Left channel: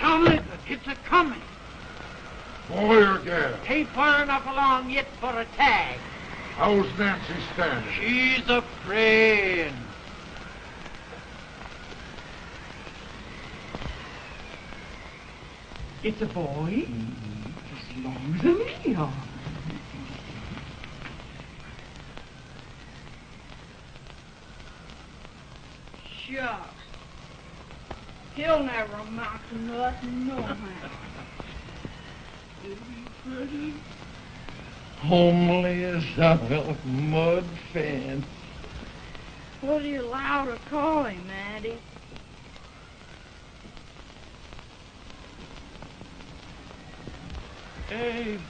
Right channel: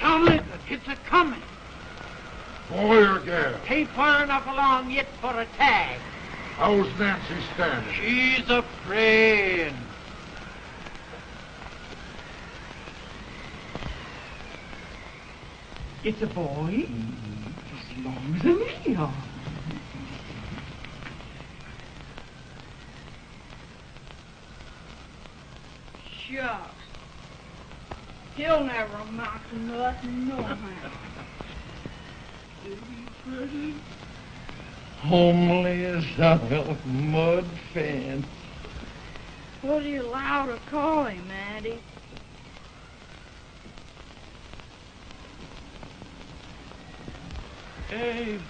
Tomlin, it's a-coming. Boy or gal? Ain't far enough along yet for a tag. How's Nancy standing? She's afraid. It's a boy, as long as a meal. Shucks. He'll never amount to nothing, no how. Homely as a mud fan. What do you allow to call him, Addie? Abraham.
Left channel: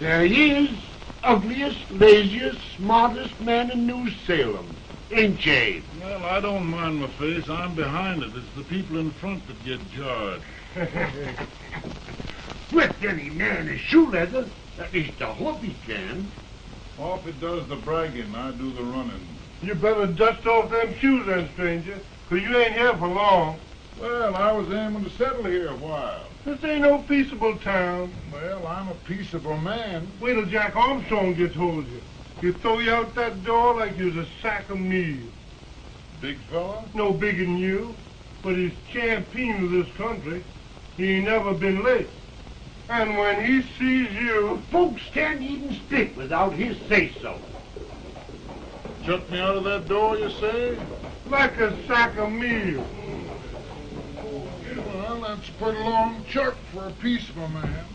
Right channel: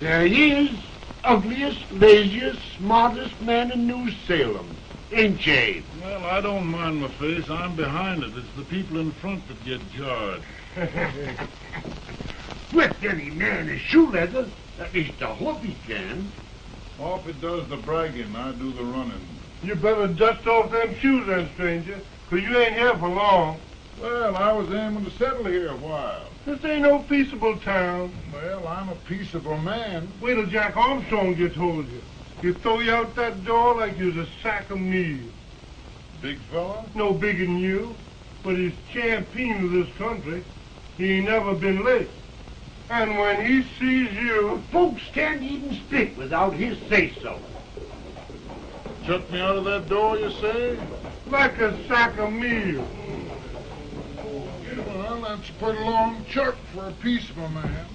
There he is, ugliest, laziest, smartest man in New Salem. Ain't Jade? Well, I don't mind my face. I'm behind it. It's the people in front that get jarred. With any man is shoe leather. At least I hope he can. Off it does the bragging. I do the running. You better dust off them shoes then, stranger, 'cause you ain't here for long. Well, I was aiming to settle here a while. This ain't no peaceable town. Well, I'm a peaceable man. Wait till Jack Armstrong gets hold of you. He'll throw you out that door like you's a sack of meal. Big fella? No bigger than you, but he's champion of this country. He ain't never been late. And when he sees you... Folks can't even speak without his say-so. Shut me out of that door, you say? Like a sack of meal. Well, that's a pretty long chirp for a peaceful man.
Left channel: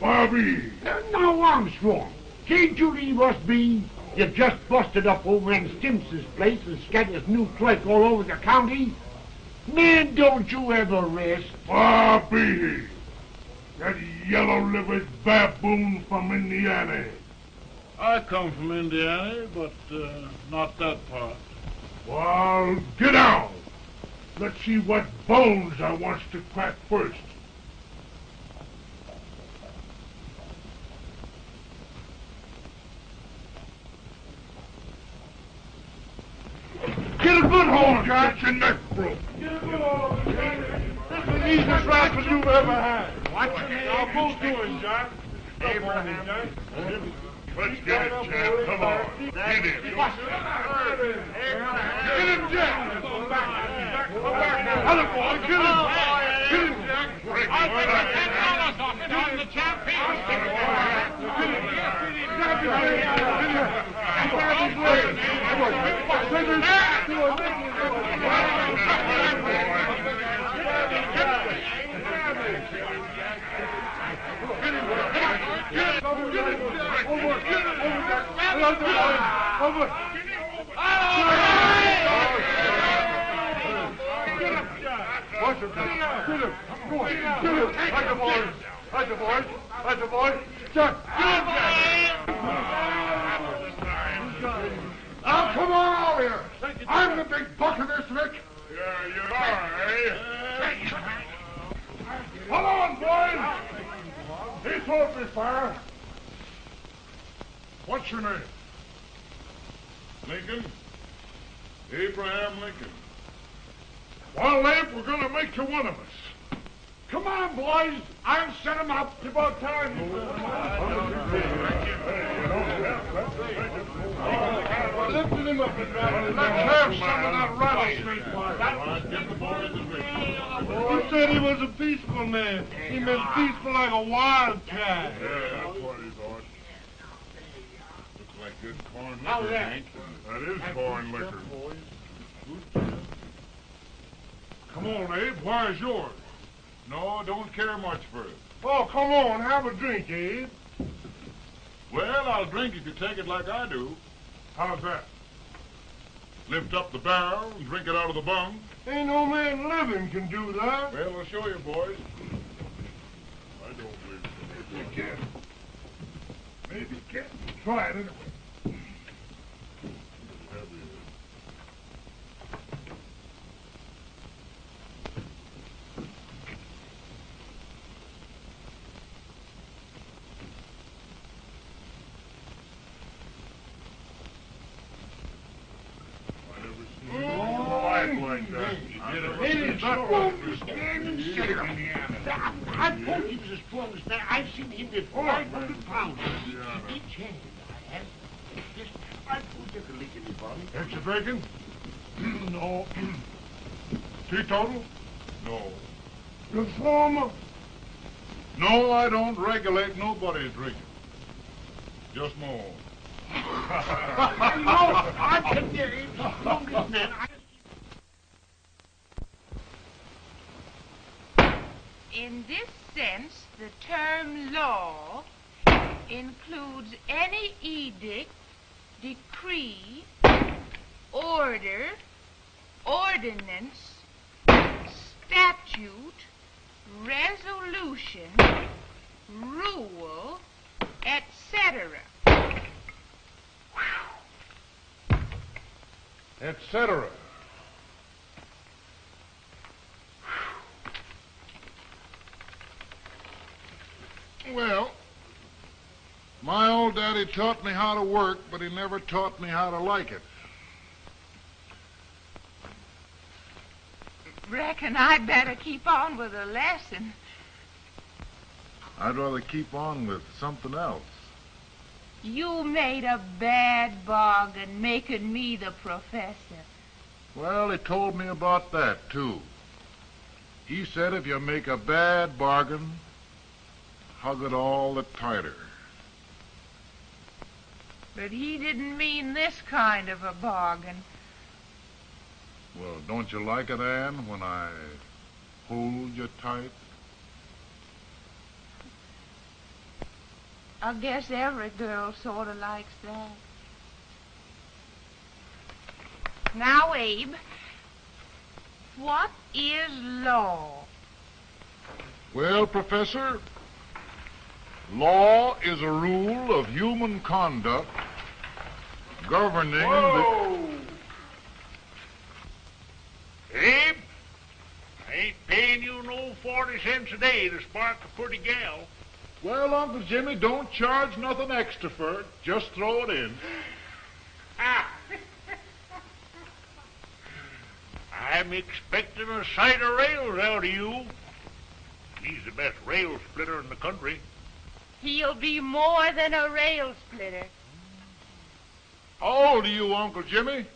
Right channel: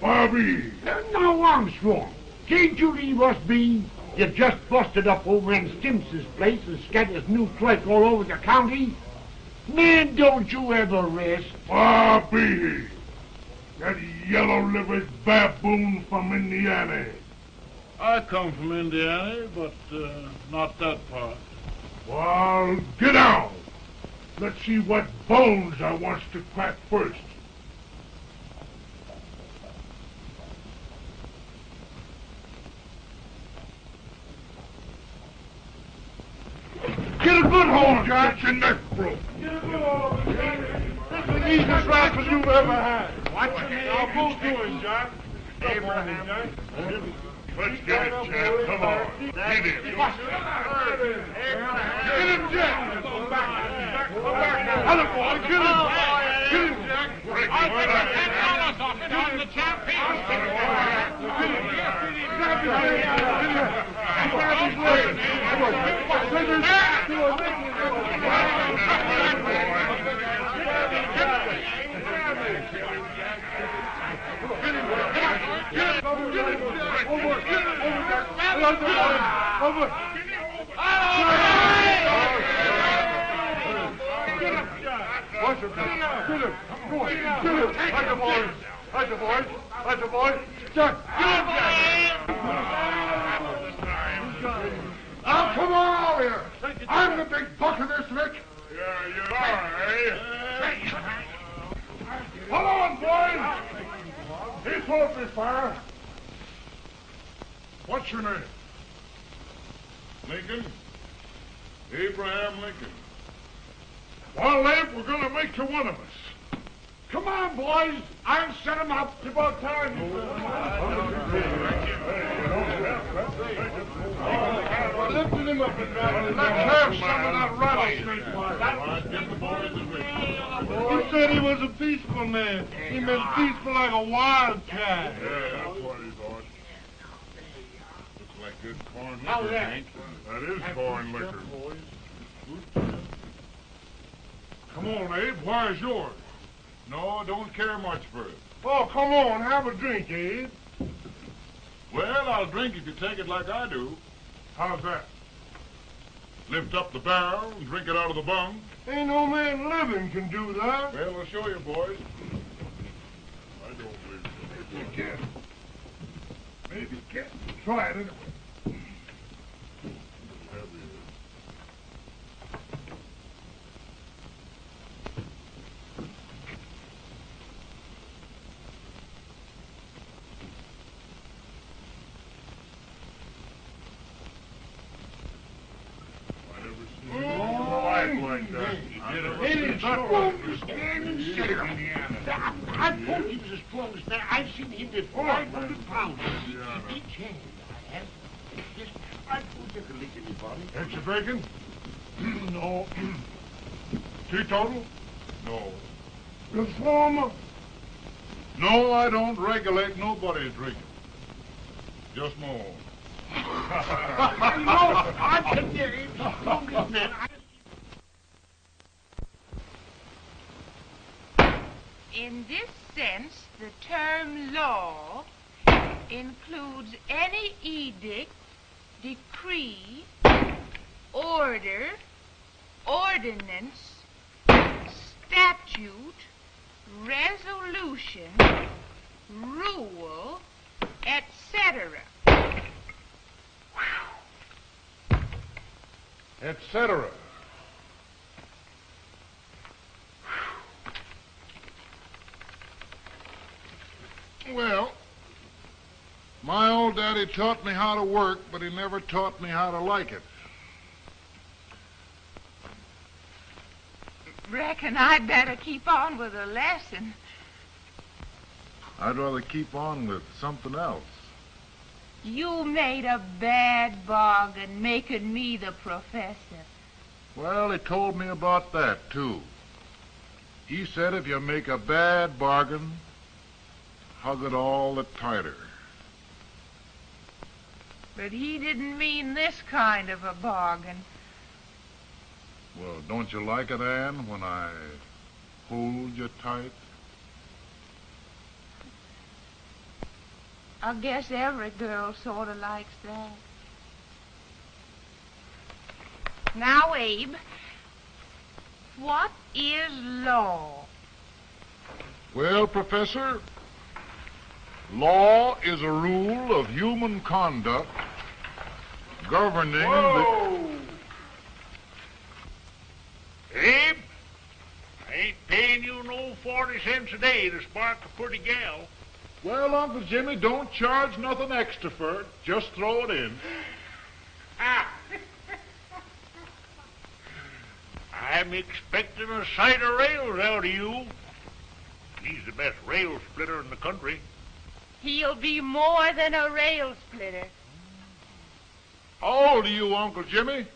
Bobby! Now, Armstrong, can't you leave us be? You've just busted up old man Stimpson's place and scattered new clerk all over the county. Man, don't you ever rest. Bobby! That yellow-livered baboon from Indiana. I come from Indiana, but not that part. Well, get down. Let's see what bones I wants to crack first. Get a good hold, Jack. Your neck broke. Get a good hold. This is the easiest rifle you've ever had. Watch it. Now, both doing, Jack. Abraham. Let's get it, Jack. Come on. Get it. Get him, Jack. Hello, boy. Get him. Get him, Jack. I'll get him. The champion. Get him. Grab his hand. Get him. Grab his leg. Take his Now, come on over here. I'm the big buck of this, Rick. Here you are, eh? Come on, boys. Here's what we fire. What's your name? Lincoln? Abraham Lincoln. Well, Lamp, we're going to make you one of us. Come on, boys. I'll set him up. It's about time. Lifting him up. Let's have some of that rattlesnake. You said he was a peaceful man. He been peaceful like a wild cat. Yeah, that's what he thought. Looks like good corn How's liquor, that? Hank. That is corn liquor. Come on, Abe. Where's yours? No, don't care much for it. Oh, come on. Have a drink, Abe. Well, I'll drink if you take it like I do. How's that? Lift up the barrel and drink it out of the bung. Ain't no man living can do that. Well, we'll show you, boys. I don't believe Maybe you can. Maybe you can. Try it anyway. I told you this plum's there. I've seen him with 500 pounds. Each hand. I told you to lick anybody. Extra drinking? No. Teetotal? No. Reformer? No, I don't regulate nobody's drinking. Just my own. No, I can hear him. Don't be mad. In this sense, the term law includes any edict, decree, order, ordinance, statute, resolution, rule, etc. Etc. Well, my old daddy taught me how to work, but he never taught me how to like it. Reckon I'd better keep on with the lesson. I'd rather keep on with something else. You made a bad bargain making me the professor. Well, he told me about that, too. He said if you make a bad bargain, hug it all the tighter. But he didn't mean this kind of a bargain. Well, don't you like it, Ann, when I hold you tight? I guess every girl sort of likes that. Now, Abe, what is law? Well, Professor, law is a rule of human conduct governing Whoa! Abe, I ain't paying you no 40 cents a day to spark a pretty gal. Well, Uncle Jimmy, don't charge nothing extra for it. Just throw it in. Ah. I'm expecting a sight of rails out of you. He's the best rail splitter in the country. He'll be more than a rail splitter. How old are you, Uncle Jimmy?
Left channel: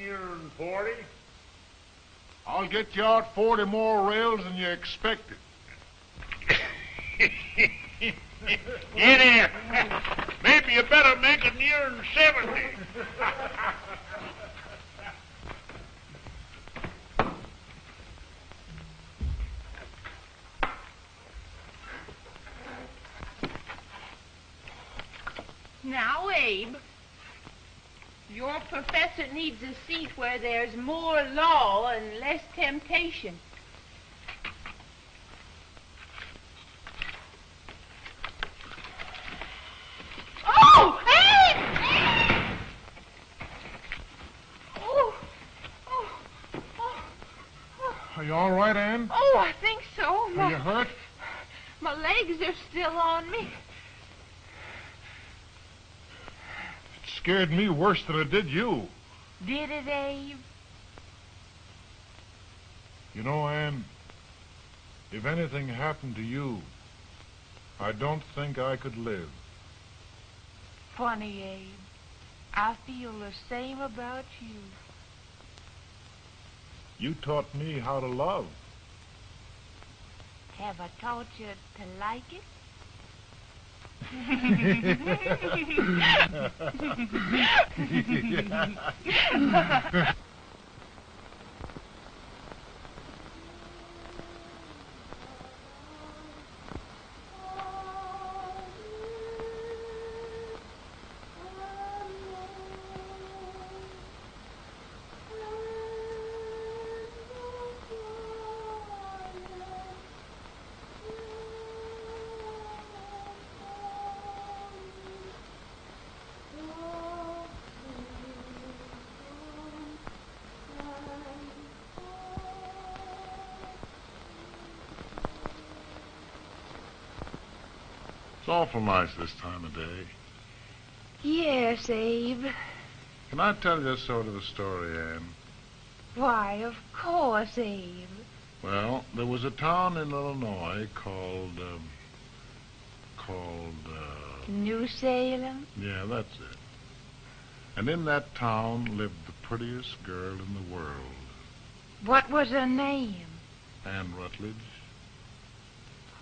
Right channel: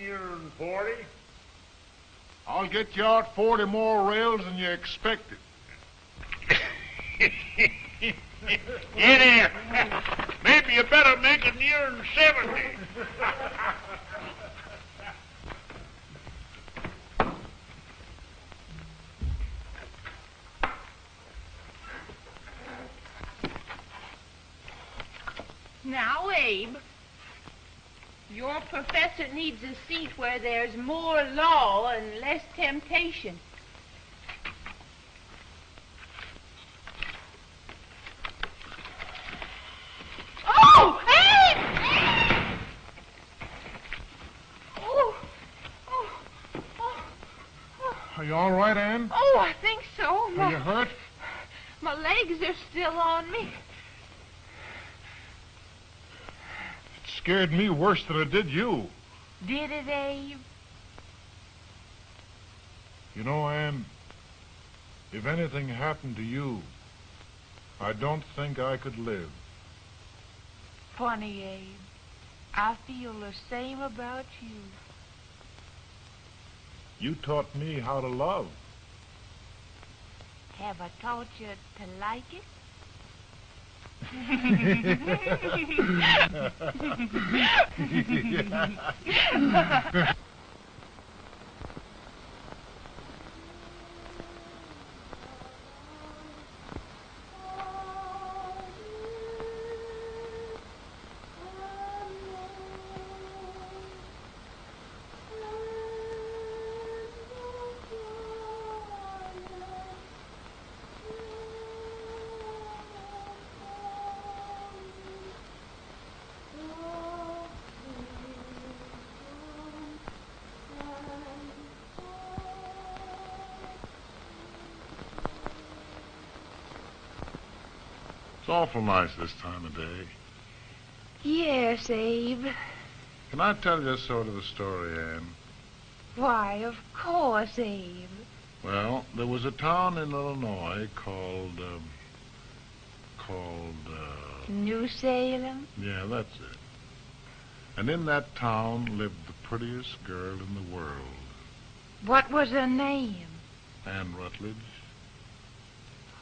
Nearing 40. I'll get you out 40 more rails than you expected. Get in. Maybe you better make it nearing 70. Now, Abe, your professor needs a seat where there's more law and less temptation. Oh, Abe! Oh, oh, oh, oh. Are you all right, Ann? Oh, I think so. Are you hurt? My legs are still on me. It scared me worse than it did you. Did it, Abe? You know, Ann, If anything happened to you, I don't think I could live. Funny, Abe. I feel the same about you. You taught me how to love. Have I taught you to like it? It's awful nice this time of day. Yes, Abe. Can I tell you sort of a story, Ann? Why, of course, Abe. Well, there was a town in Illinois called New Salem? yeah, that's it. And in that town lived the prettiest girl in the world, What was her name? Ann Rutledge.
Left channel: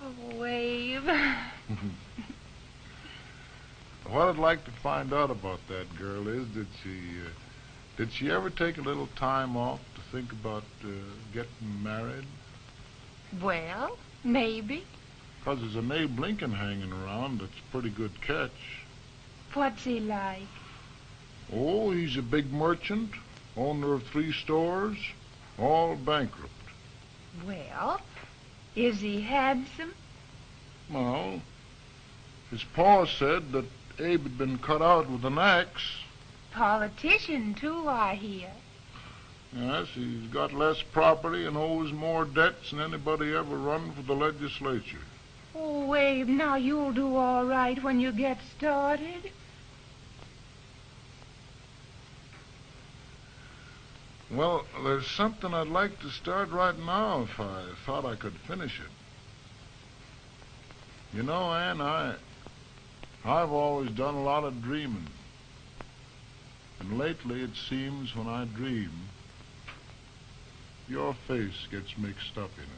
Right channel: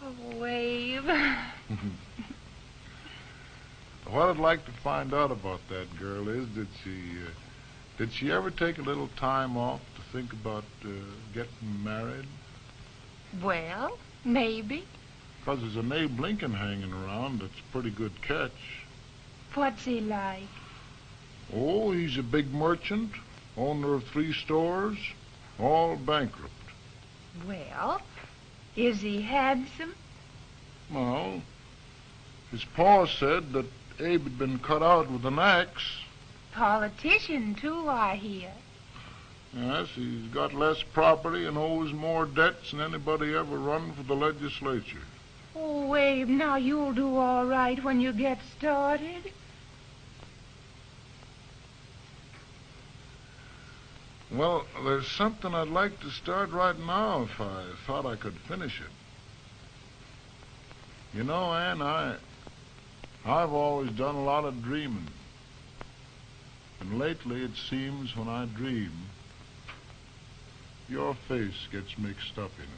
Oh, Abe. What I'd like to find out about that girl is, did she ever take a little time off to think about getting married? Well, maybe. Because there's an Abe Lincoln hanging around that's a pretty good catch. What's he like? Oh, he's a big merchant, owner of 3 stores, all bankrupt. Well, is he handsome? Well, his pa said that Abe had been cut out with an axe. Politician, too, I hear. Yes, he's got less property and owes more debts than anybody ever run for the legislature. Oh, Abe, now you'll do all right when you get started. Well, there's something I'd like to start right now if I thought I could finish it. You know, Ann, I've always done a lot of dreaming. And lately it seems when I dream, your face gets mixed up in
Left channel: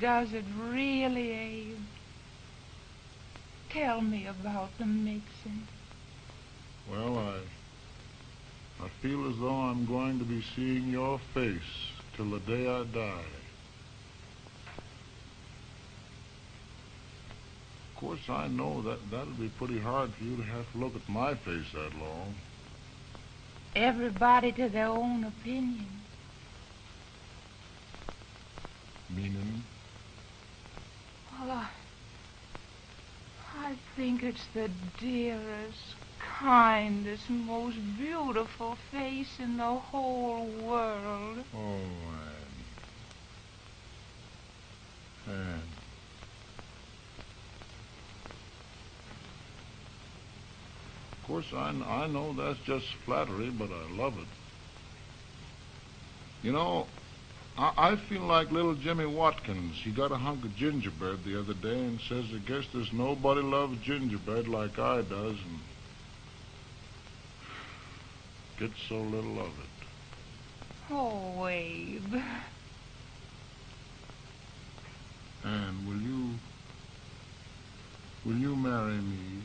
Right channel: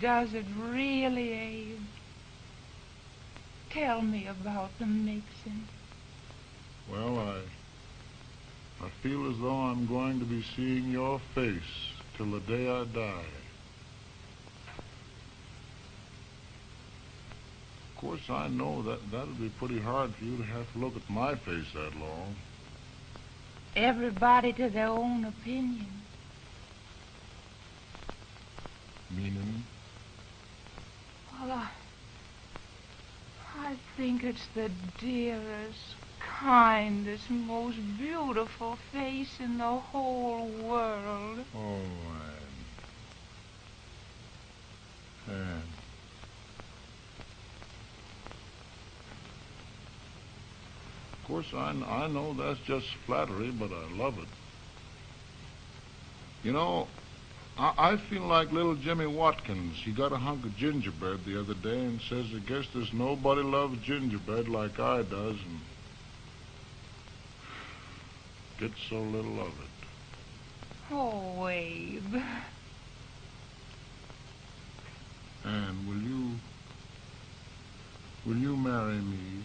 it. Does it really, Abe? Tell me about the mixing. Well, I feel as though I'm going to be seeing your face till the day I die. Of course, I know that'll be pretty hard for you to have to look at my face that long. Everybody to their own opinion. Meaning? Well, I think it's the dearest, kindest, most beautiful face in the whole world. Oh, Ann. Of course, I know that's just flattery, but I love it. You know, I feel like little Jimmy Watkins. He got a hunk of gingerbread the other day and says, I guess there's nobody loves gingerbread like I does, and gets so little of it. Oh, Abe. And will you marry me?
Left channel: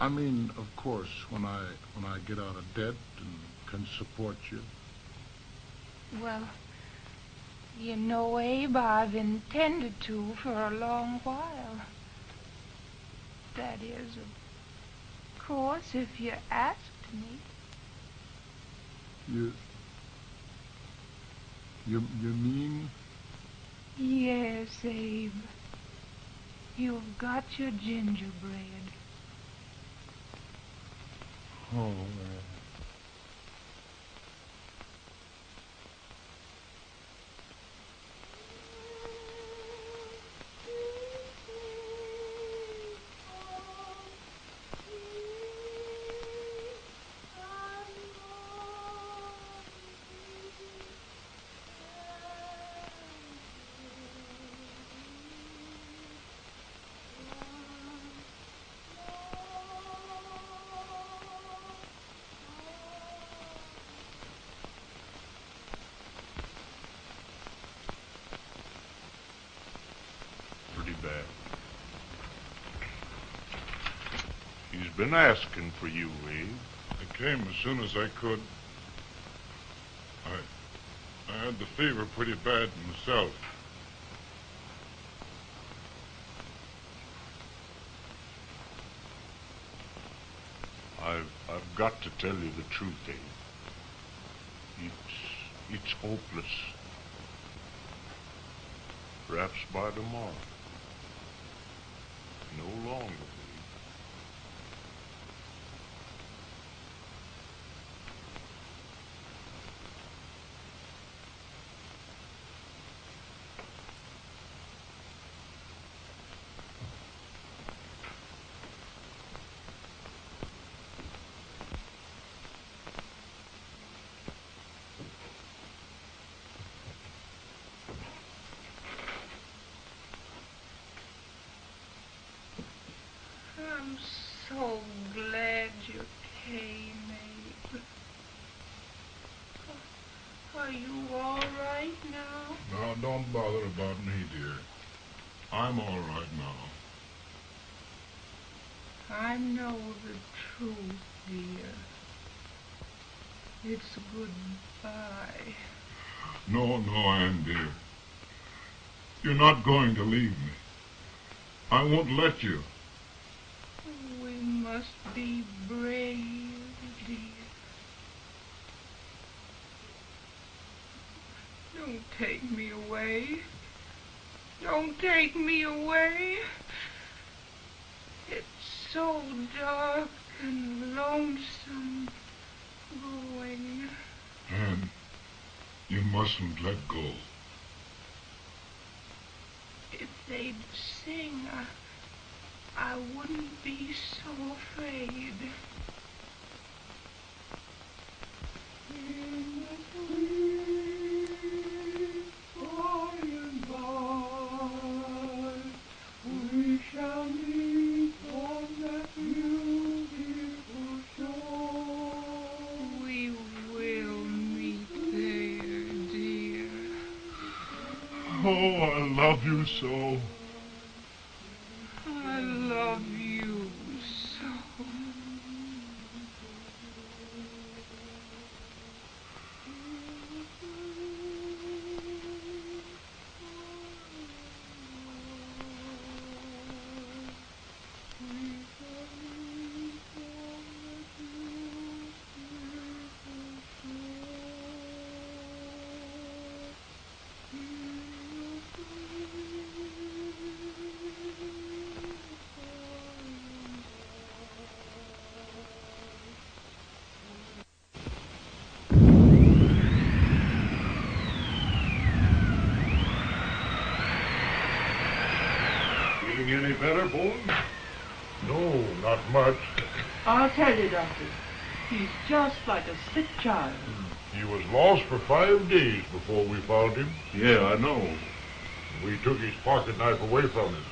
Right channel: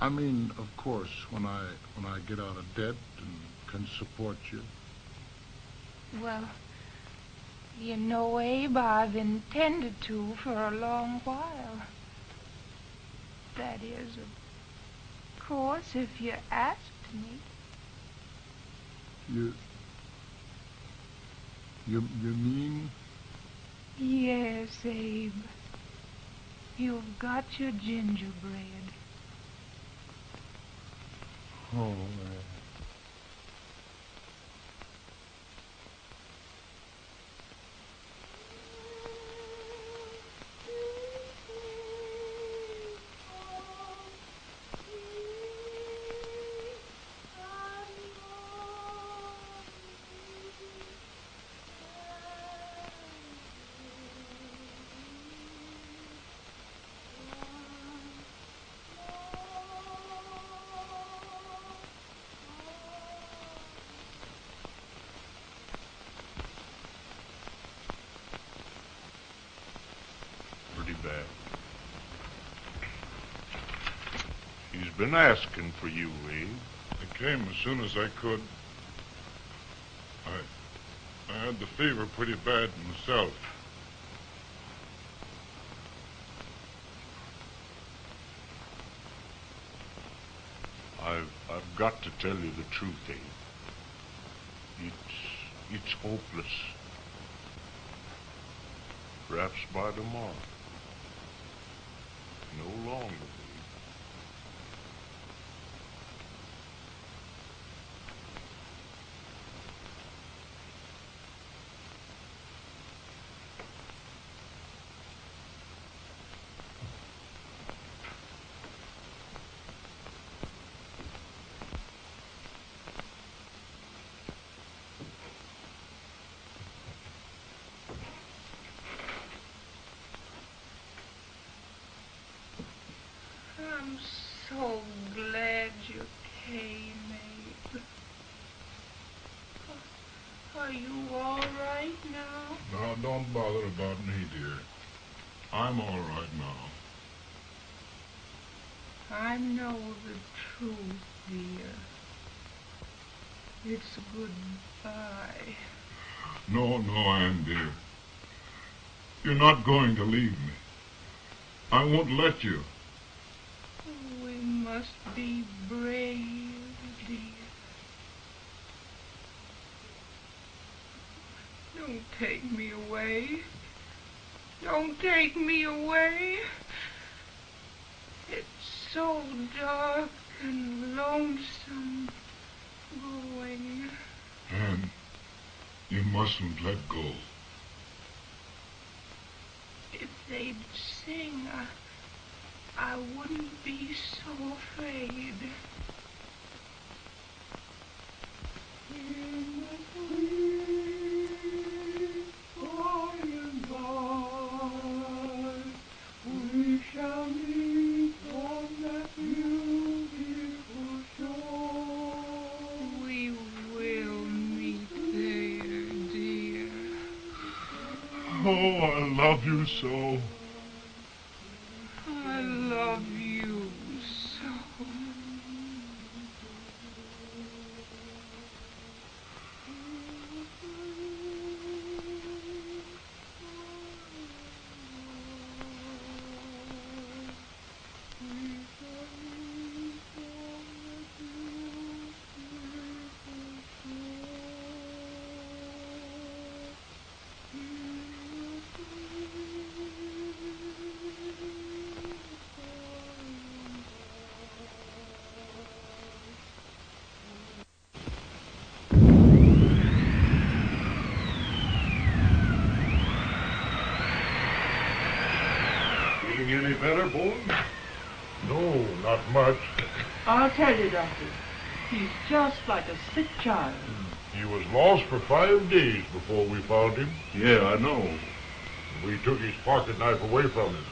I mean, of course, when I get out of debt and can support you. Well, you know, Abe, I've intended to for a long while. That is, of course, if you asked me. You mean? Yes, Abe. You've got your gingerbread. Oh, back. He's been asking for you, Abe. I came as soon as I could. I had the fever pretty bad myself. I've got to tell you the truth, Abe. It's hopeless. Perhaps by tomorrow. No longer. I'm so glad you came, Abe. Are you all right now? Now, don't bother about me, dear. I'm all right now. I know the truth, dear. It's goodbye. No, Ann, dear. You're not going to leave me. I won't let you. We must be brave, dear. Don't take me away. Don't take me away. It's so dark and lonesome going. Ann, you mustn't let go. If they'd sing, I wouldn't be so afraid. We shall meet on that beautiful shore. We will meet there, dear. Oh, I love you so. I love you so. Feeling any better, boy? No, not much. I'll tell you, Doctor. He's just like a sick child. He was lost for 5 days before we found him. Yeah, I know. We took his pocket knife away from him.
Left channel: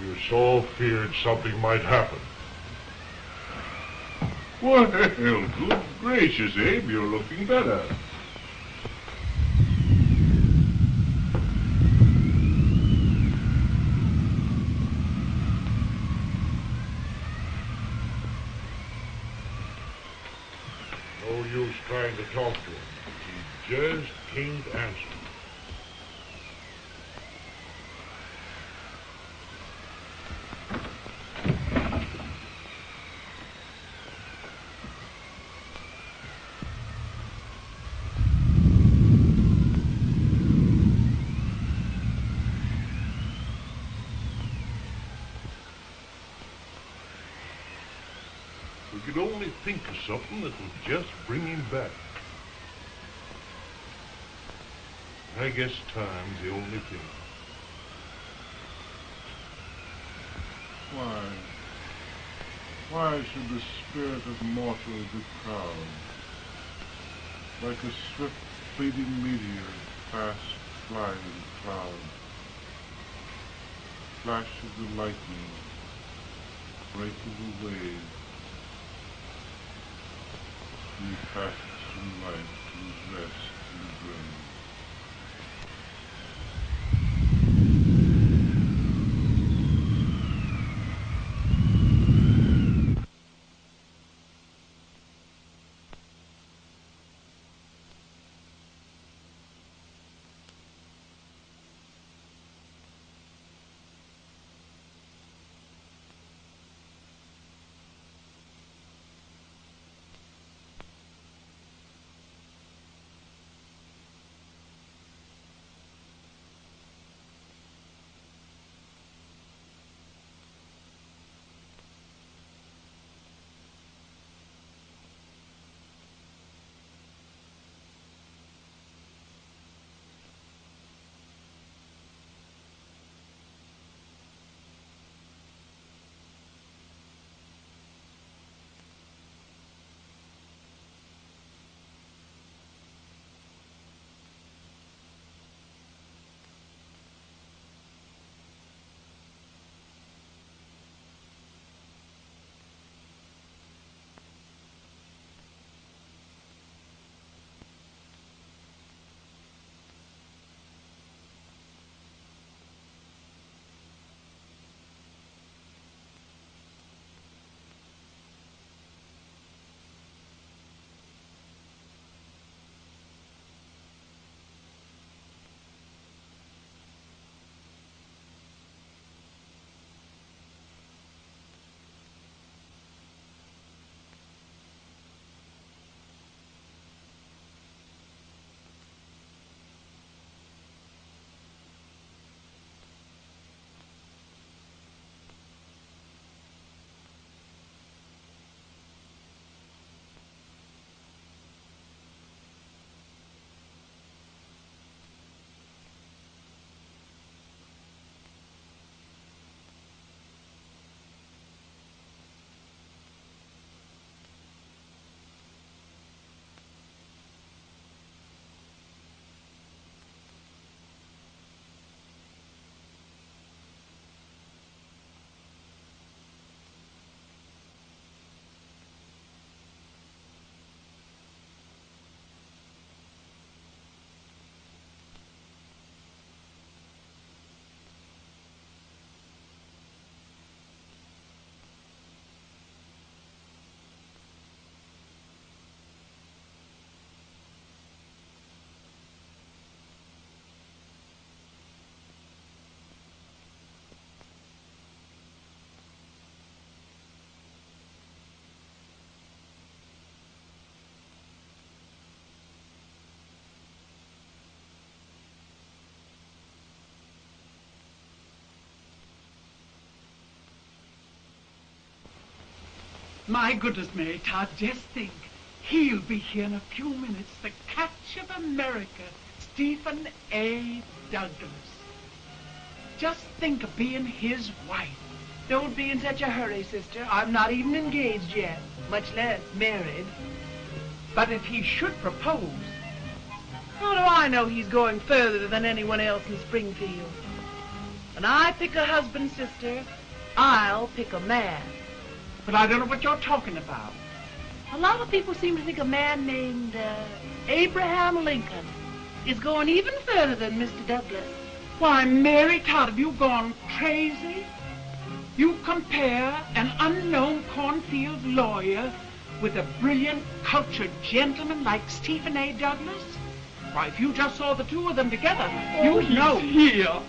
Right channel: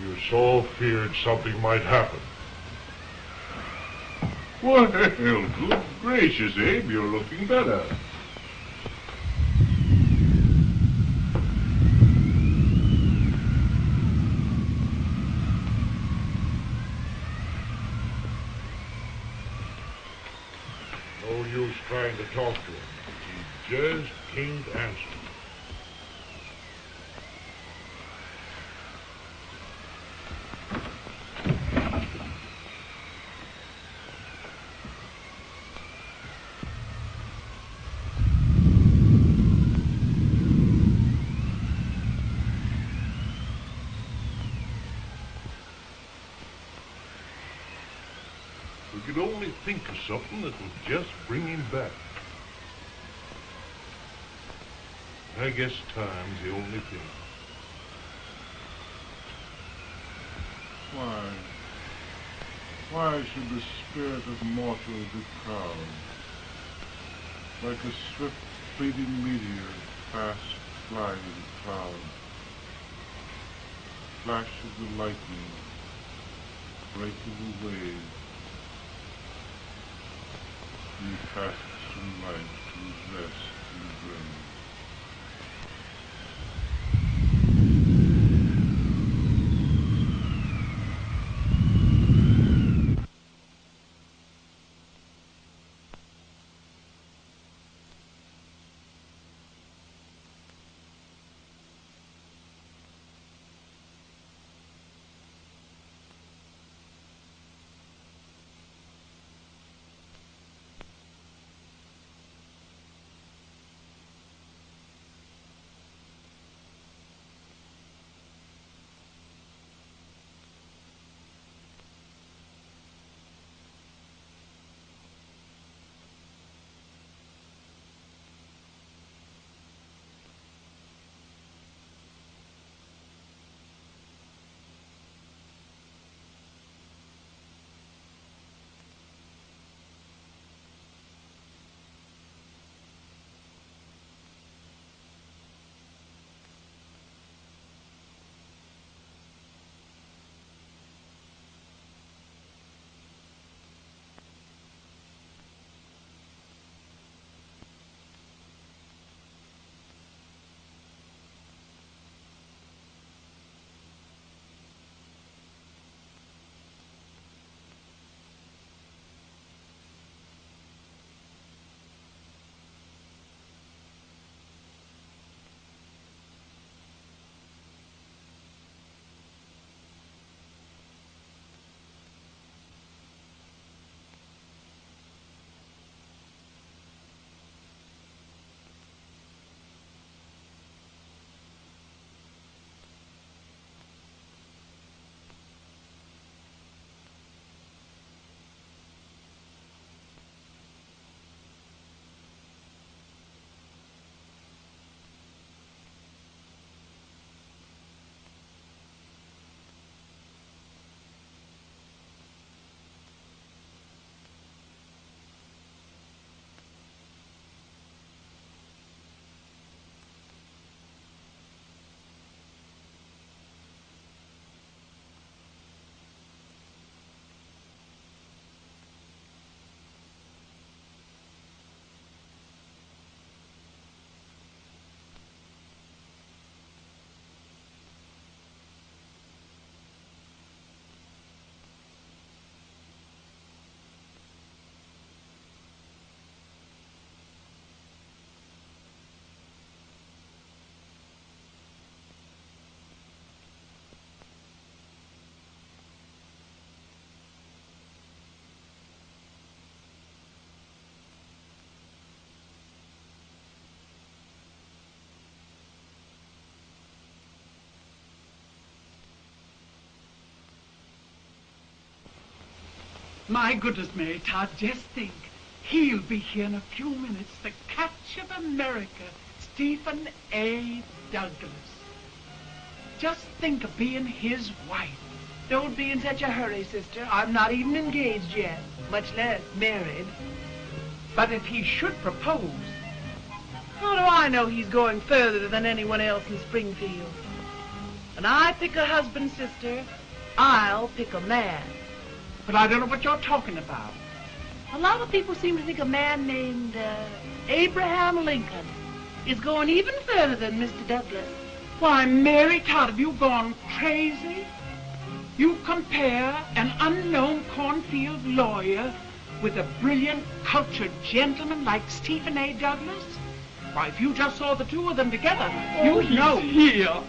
We were so feared something might happen. What the hell? Good gracious, Abe, you're looking better. No use trying to talk to him. He just can't answer. We could only think of something that would just bring him back. I guess time's the only thing. Why should the spirit of mortal be proud? Like a swift fading meteor, fast flying cloud. Flash of the lightning, break of the wave. He passes from life to his rest in the grave. My goodness, Mary Todd, just think. He'll be here in a few minutes. The catch of America, Stephen A. Douglas. Just think of being his wife. Don't be in such a hurry, sister. I'm not even engaged yet, much less married. But if he should propose... How do I know he's going further than anyone else in Springfield? When I pick a husband, sister, I'll pick a man. But I don't know what you're talking about. A lot of people seem to think a man named Abraham Lincoln is going even further than Mr. Douglas. Why, Mary Todd, have you gone crazy? You compare an unknown cornfield lawyer with a brilliant, cultured gentleman like Stephen A. Douglas? Why, if you just saw the two of them together, you'd know. Here.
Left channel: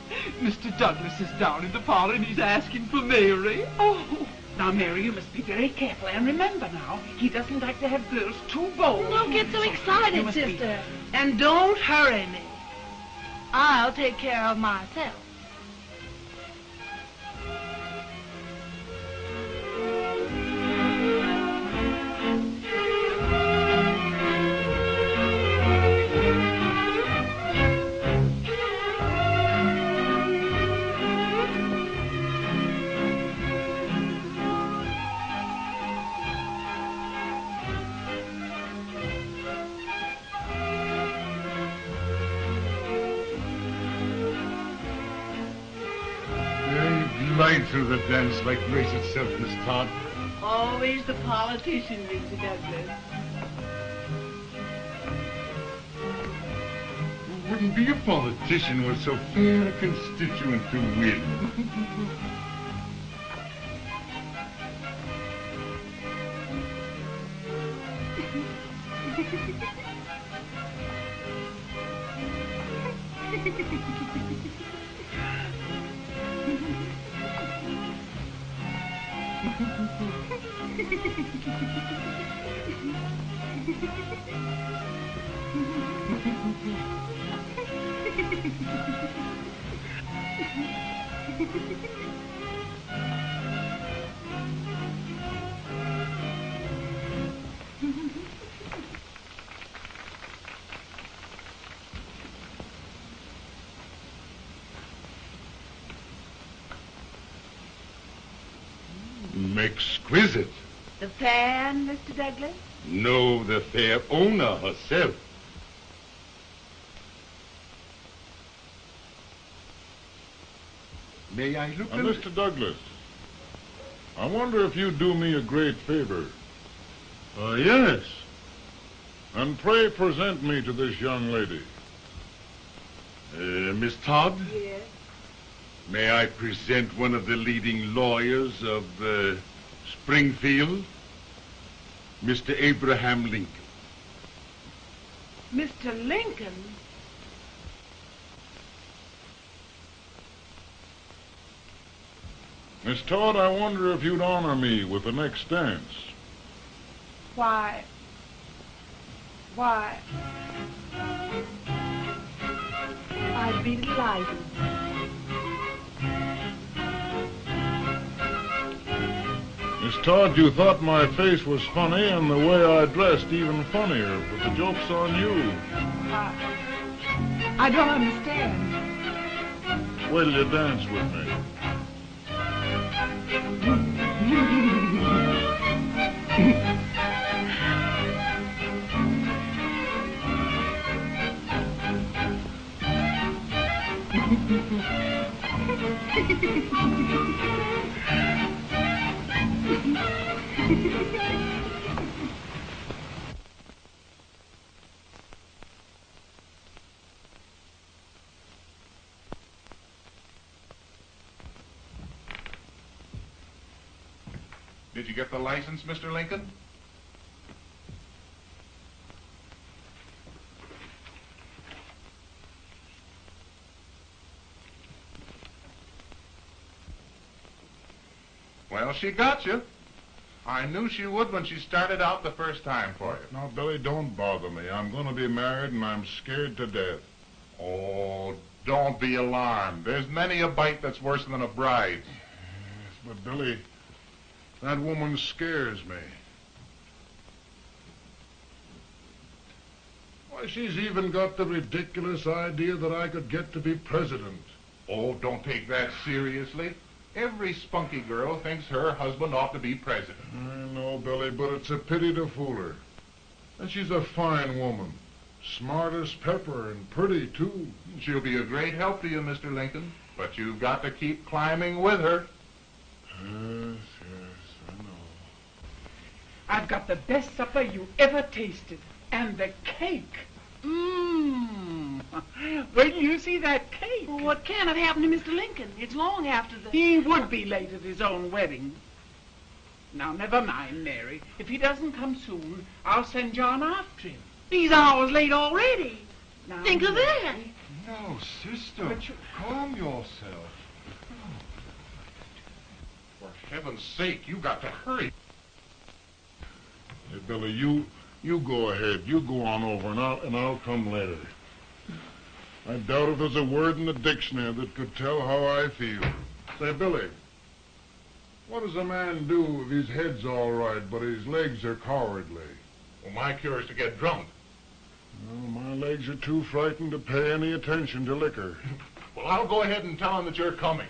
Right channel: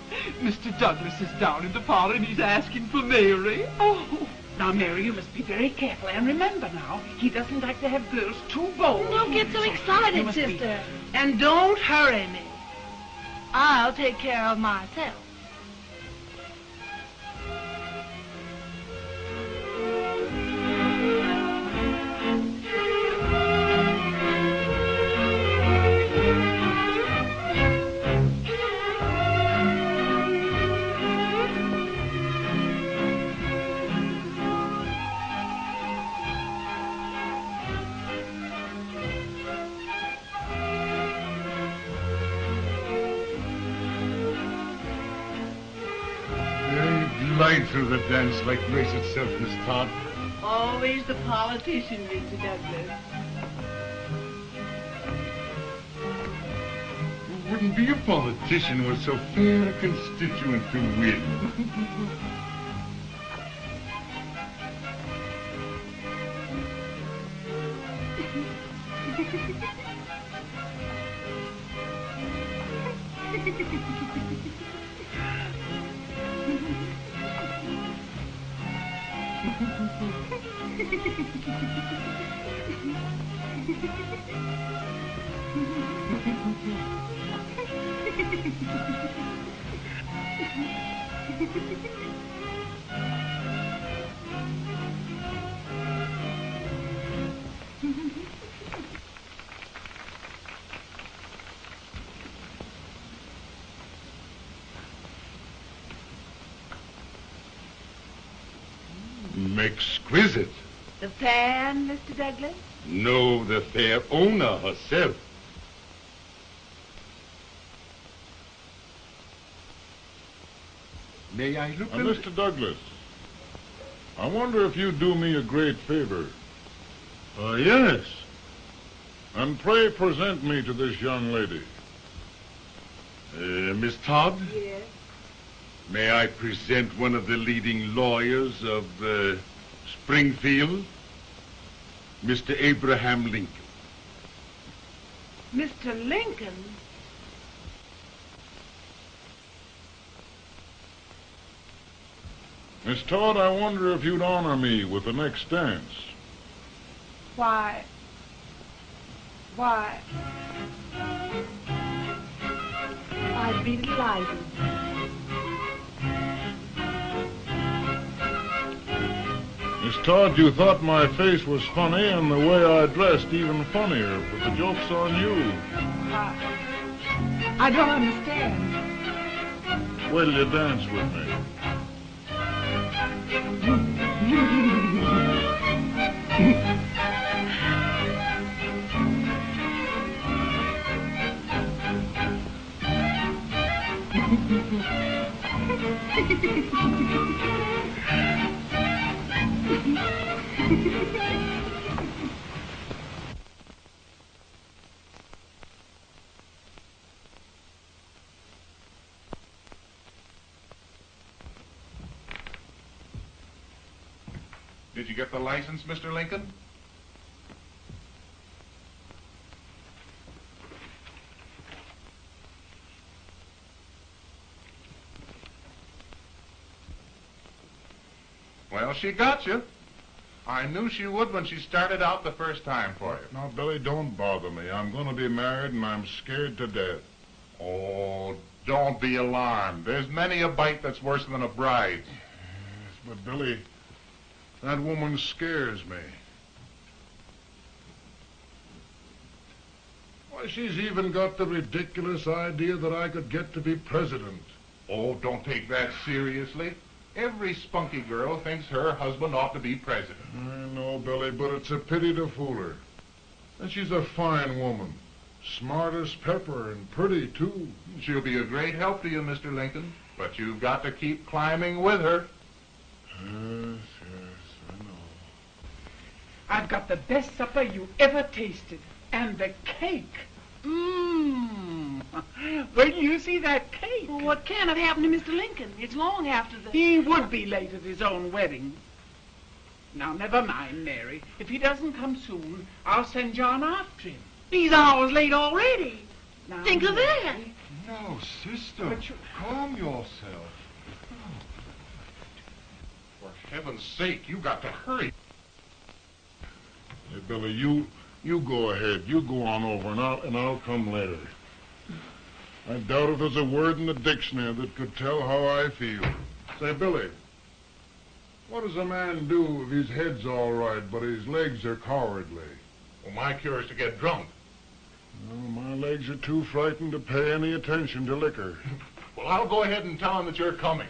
Mr. Douglas is down in the parlor and he's asking for Mary. Oh. Now, Mary, you must be very careful. And remember now, he doesn't like to have girls too bold. Don't get so excited, sister. And don't hurry me. I'll take care of myself. Right through the dance like grace itself, Miss Todd. Always the politician, Mr. Douglas. Who wouldn't be a politician with so fair a constituent to win? Exquisite. The fan, Mr. Douglas? No, the fair owner herself. May I look at Mr. Douglas, I wonder if you'd do me a great favor. Yes. And pray present me to this young lady. Miss Todd? Yes. May I present one of the leading lawyers of Springfield, Mr. Abraham Lincoln. Mr. Lincoln? Miss Todd, I wonder if you'd honor me with the next dance. Why? I'd be delighted. Miss Todd, you thought my face was funny and the way I dressed even funnier, but the joke's on you. I don't understand. Will you dance with me? Did you get the license, Mr. Lincoln? Well, she got you. I knew she would when she started out the first time for you. Now, Billy, don't bother me. I'm going to be married and I'm scared to death. Oh, don't be alarmed. There's many a bite that's worse than a bride. But, Billy, That woman scares me. Why, she's even got the ridiculous idea that I could get to be president. Oh, don't take that seriously. Every spunky girl thinks her husband ought to be president. I know, Billy, but it's a pity to fool her. And she's a fine woman. Smart as pepper and pretty, too. She'll be a great help to you, Mr. Lincoln. But you've got to keep climbing with her. Yes, I know. I've got the best supper you ever tasted. And the cake. Mmm. When you see that cake. Well, what can have happened to Mr. Lincoln? It's long after the... He would be late at his own wedding. Now, never mind, Mary. If he doesn't come soon, I'll send John after him. He's hours late already. Now, Think of that. No, sister. Calm yourself. For heaven's sake, you got to hurry. Hey, Billy, you go ahead. You go on over, and I'll come later. I doubt if there's a word in the dictionary that could tell how I feel. Say, Billy, what does a man do if his head's all right, but his legs are cowardly? Well, my cure is to get drunk. Well, my legs are too frightened to pay any attention to liquor. Well, I'll go ahead and tell him that you're coming.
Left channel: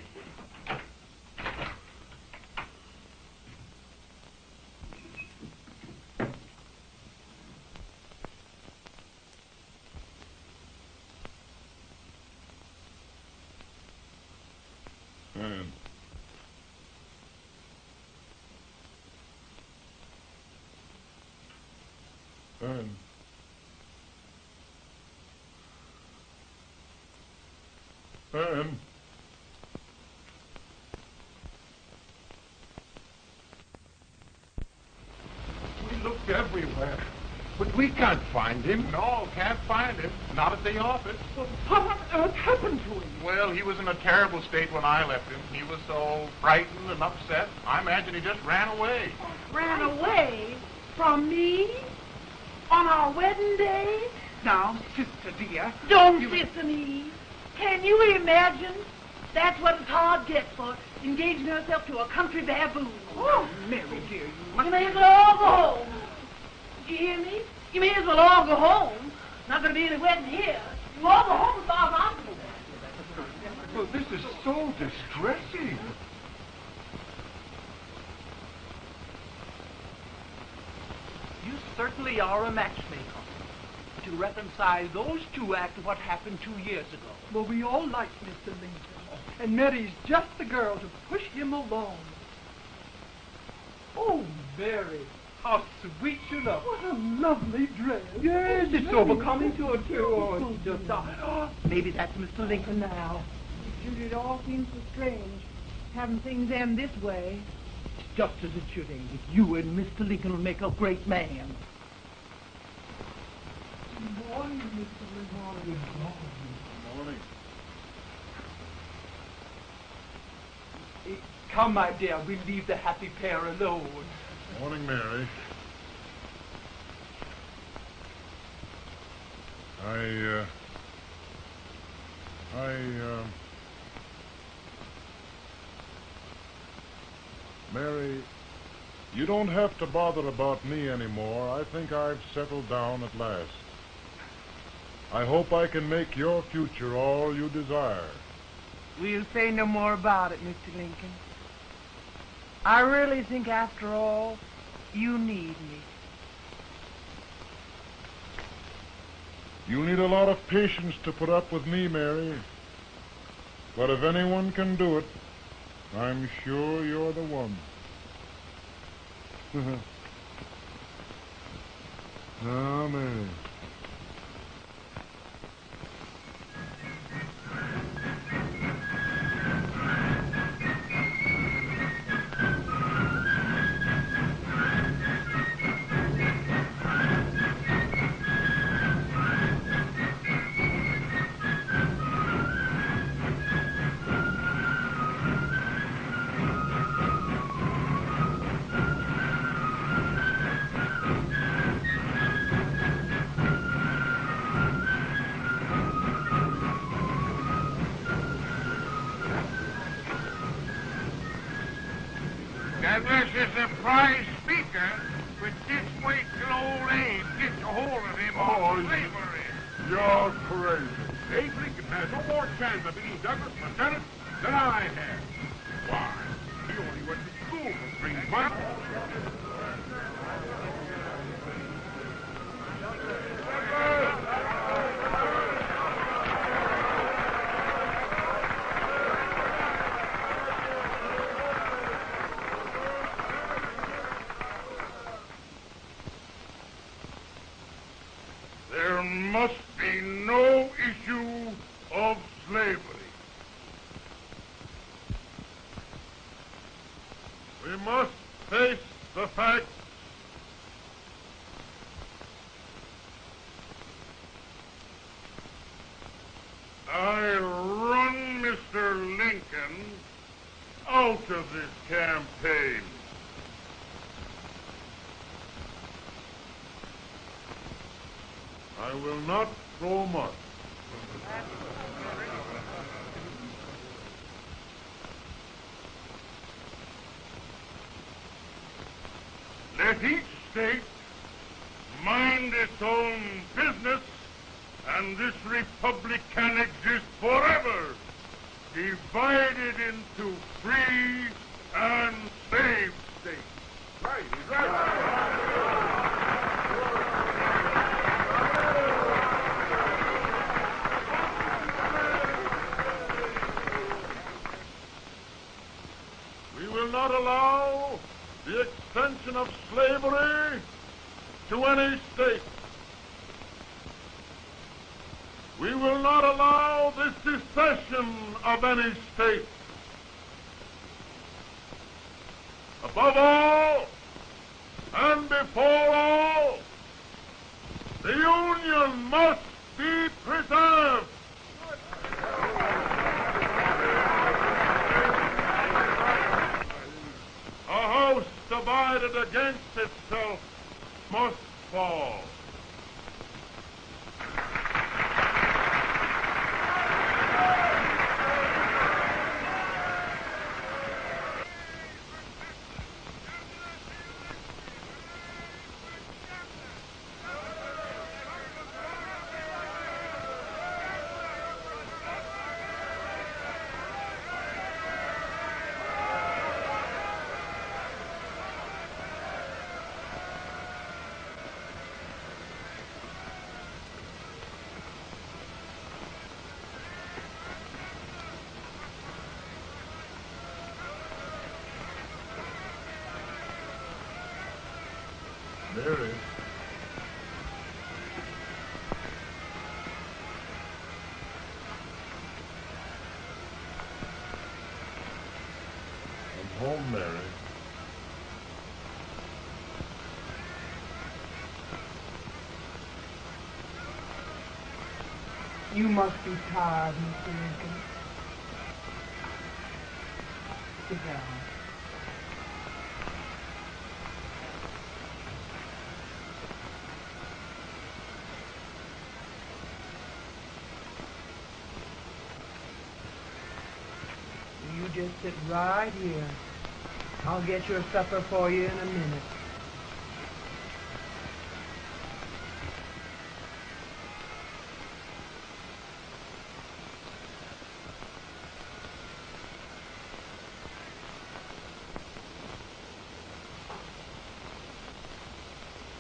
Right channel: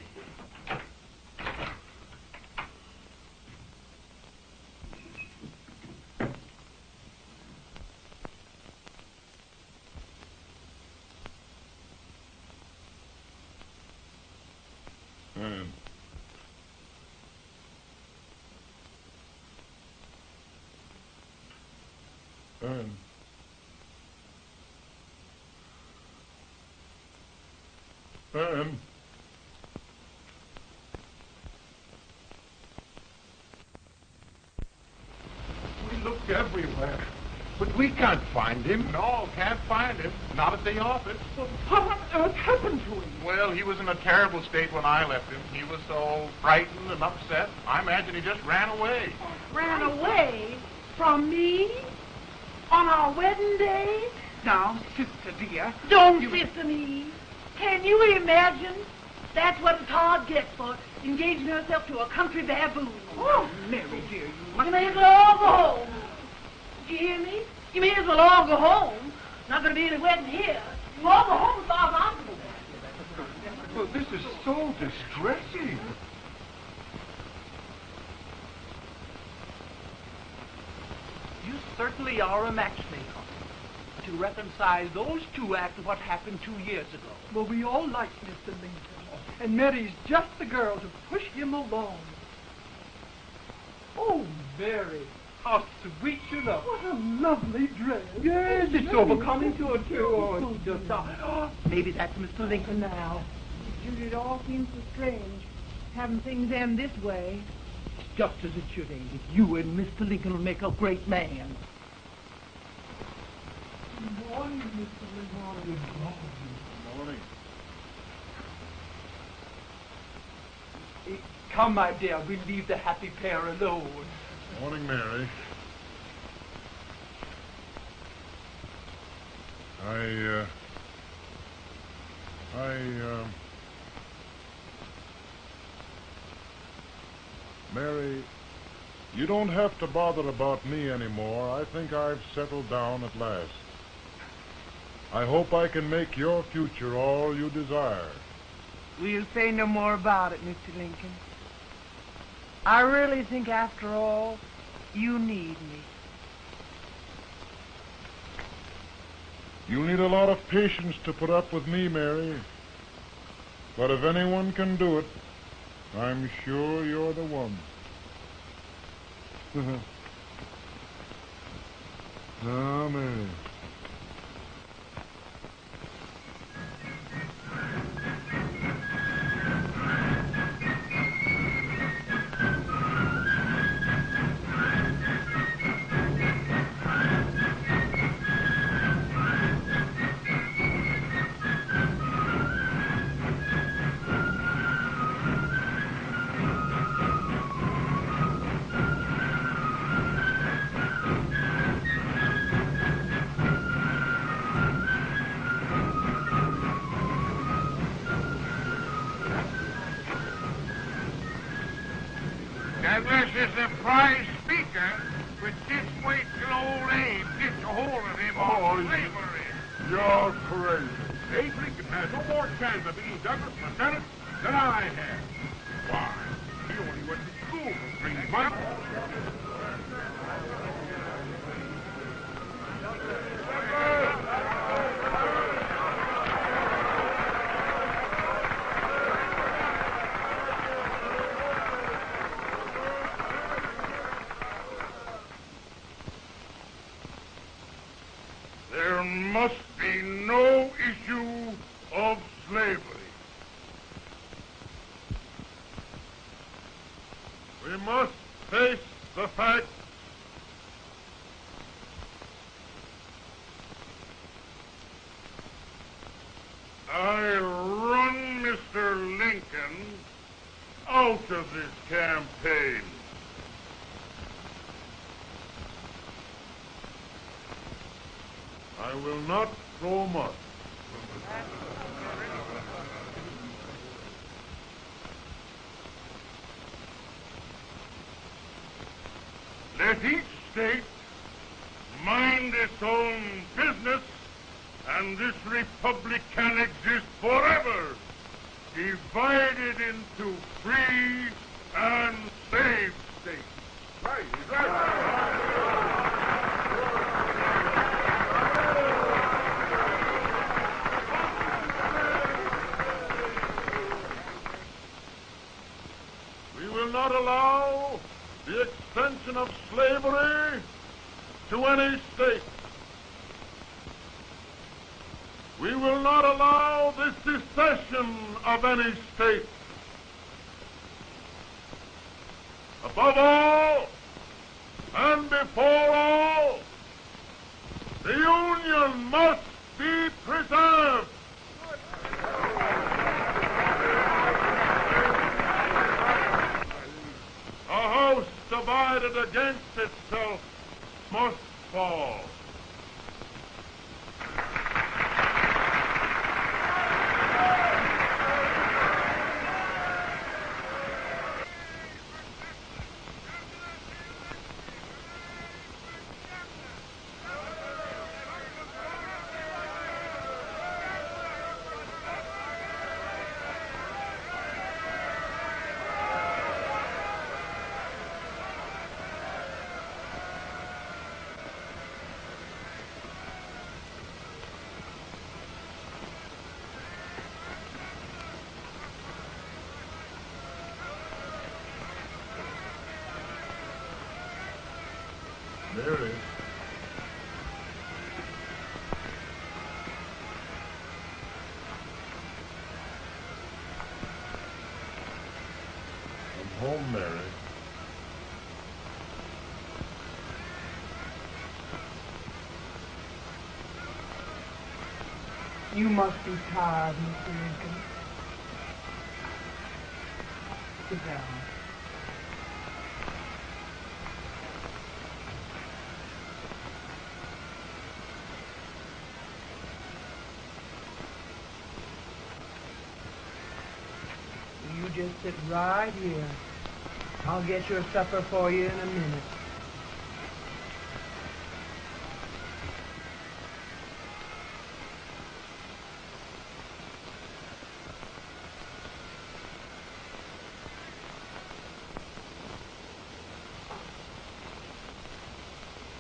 Ann. We looked everywhere. But we can't find him. No, can't find him. Not at the office. What on earth happened to him? Well, he was in a terrible state when I left him. He was so frightened and upset. I imagine he just ran away. Ran away from me on our wedding day? Now, sister dear. Don't sister me. Can you imagine? That's what it's hard gets for engaging herself to a country baboon. Oh, Mary dear, You may as well all go home. You hear me? You may as well all go home. Not going to be any wedding here. You all go home as far as I'm concerned. Well, this is so distressing. You certainly are a matchmaker. To reconcile those two after what happened 2 years ago. Well, we all like Mr. Lincoln. And Mary's just the girl to push him along. Oh, Mary, how sweet you look. What a lovely dress. Yes, it's so becoming to a too. Maybe that's Mr. Lincoln now. It all seems so strange, having things end this way. Just as it should end. You and Mr. Lincoln will make a great man. Good morning, Mr. Lincoln. Morning. Come, my dear, we'll leave the happy pair alone. Morning, Mary. Mary, you don't have to bother about me anymore. I think I've settled down at last. I hope I can make your future all you desire. We'll say no more about it, Mr. Lincoln. I really think, after all, you need me. You need a lot of patience to put up with me, Mary. But if anyone can do it, I'm sure you're the one. Amen. is a prize speaker, but just wait till old age gets a hold of him on slavery. You're crazy. Abe Lincoln has no more chance of being Douglas lieutenant than I have. Why? He only went to school for 3 months. There must be no issue of slavery. We must face the facts. I run Mr. Lincoln out of this campaign. I will not go much. Let each state mind its own business, and this republic can exist forever, divided into free and slave states. We will not allow the extension of slavery to any state. We will not allow the secession of any state. Above all, and before all, the Union must be preserved. A house divided against itself must fall. Mary. I'm home, Mary. You must be tired, Mr. Lincoln. Sit down. You just sit right here. I'll get your supper for you in a minute.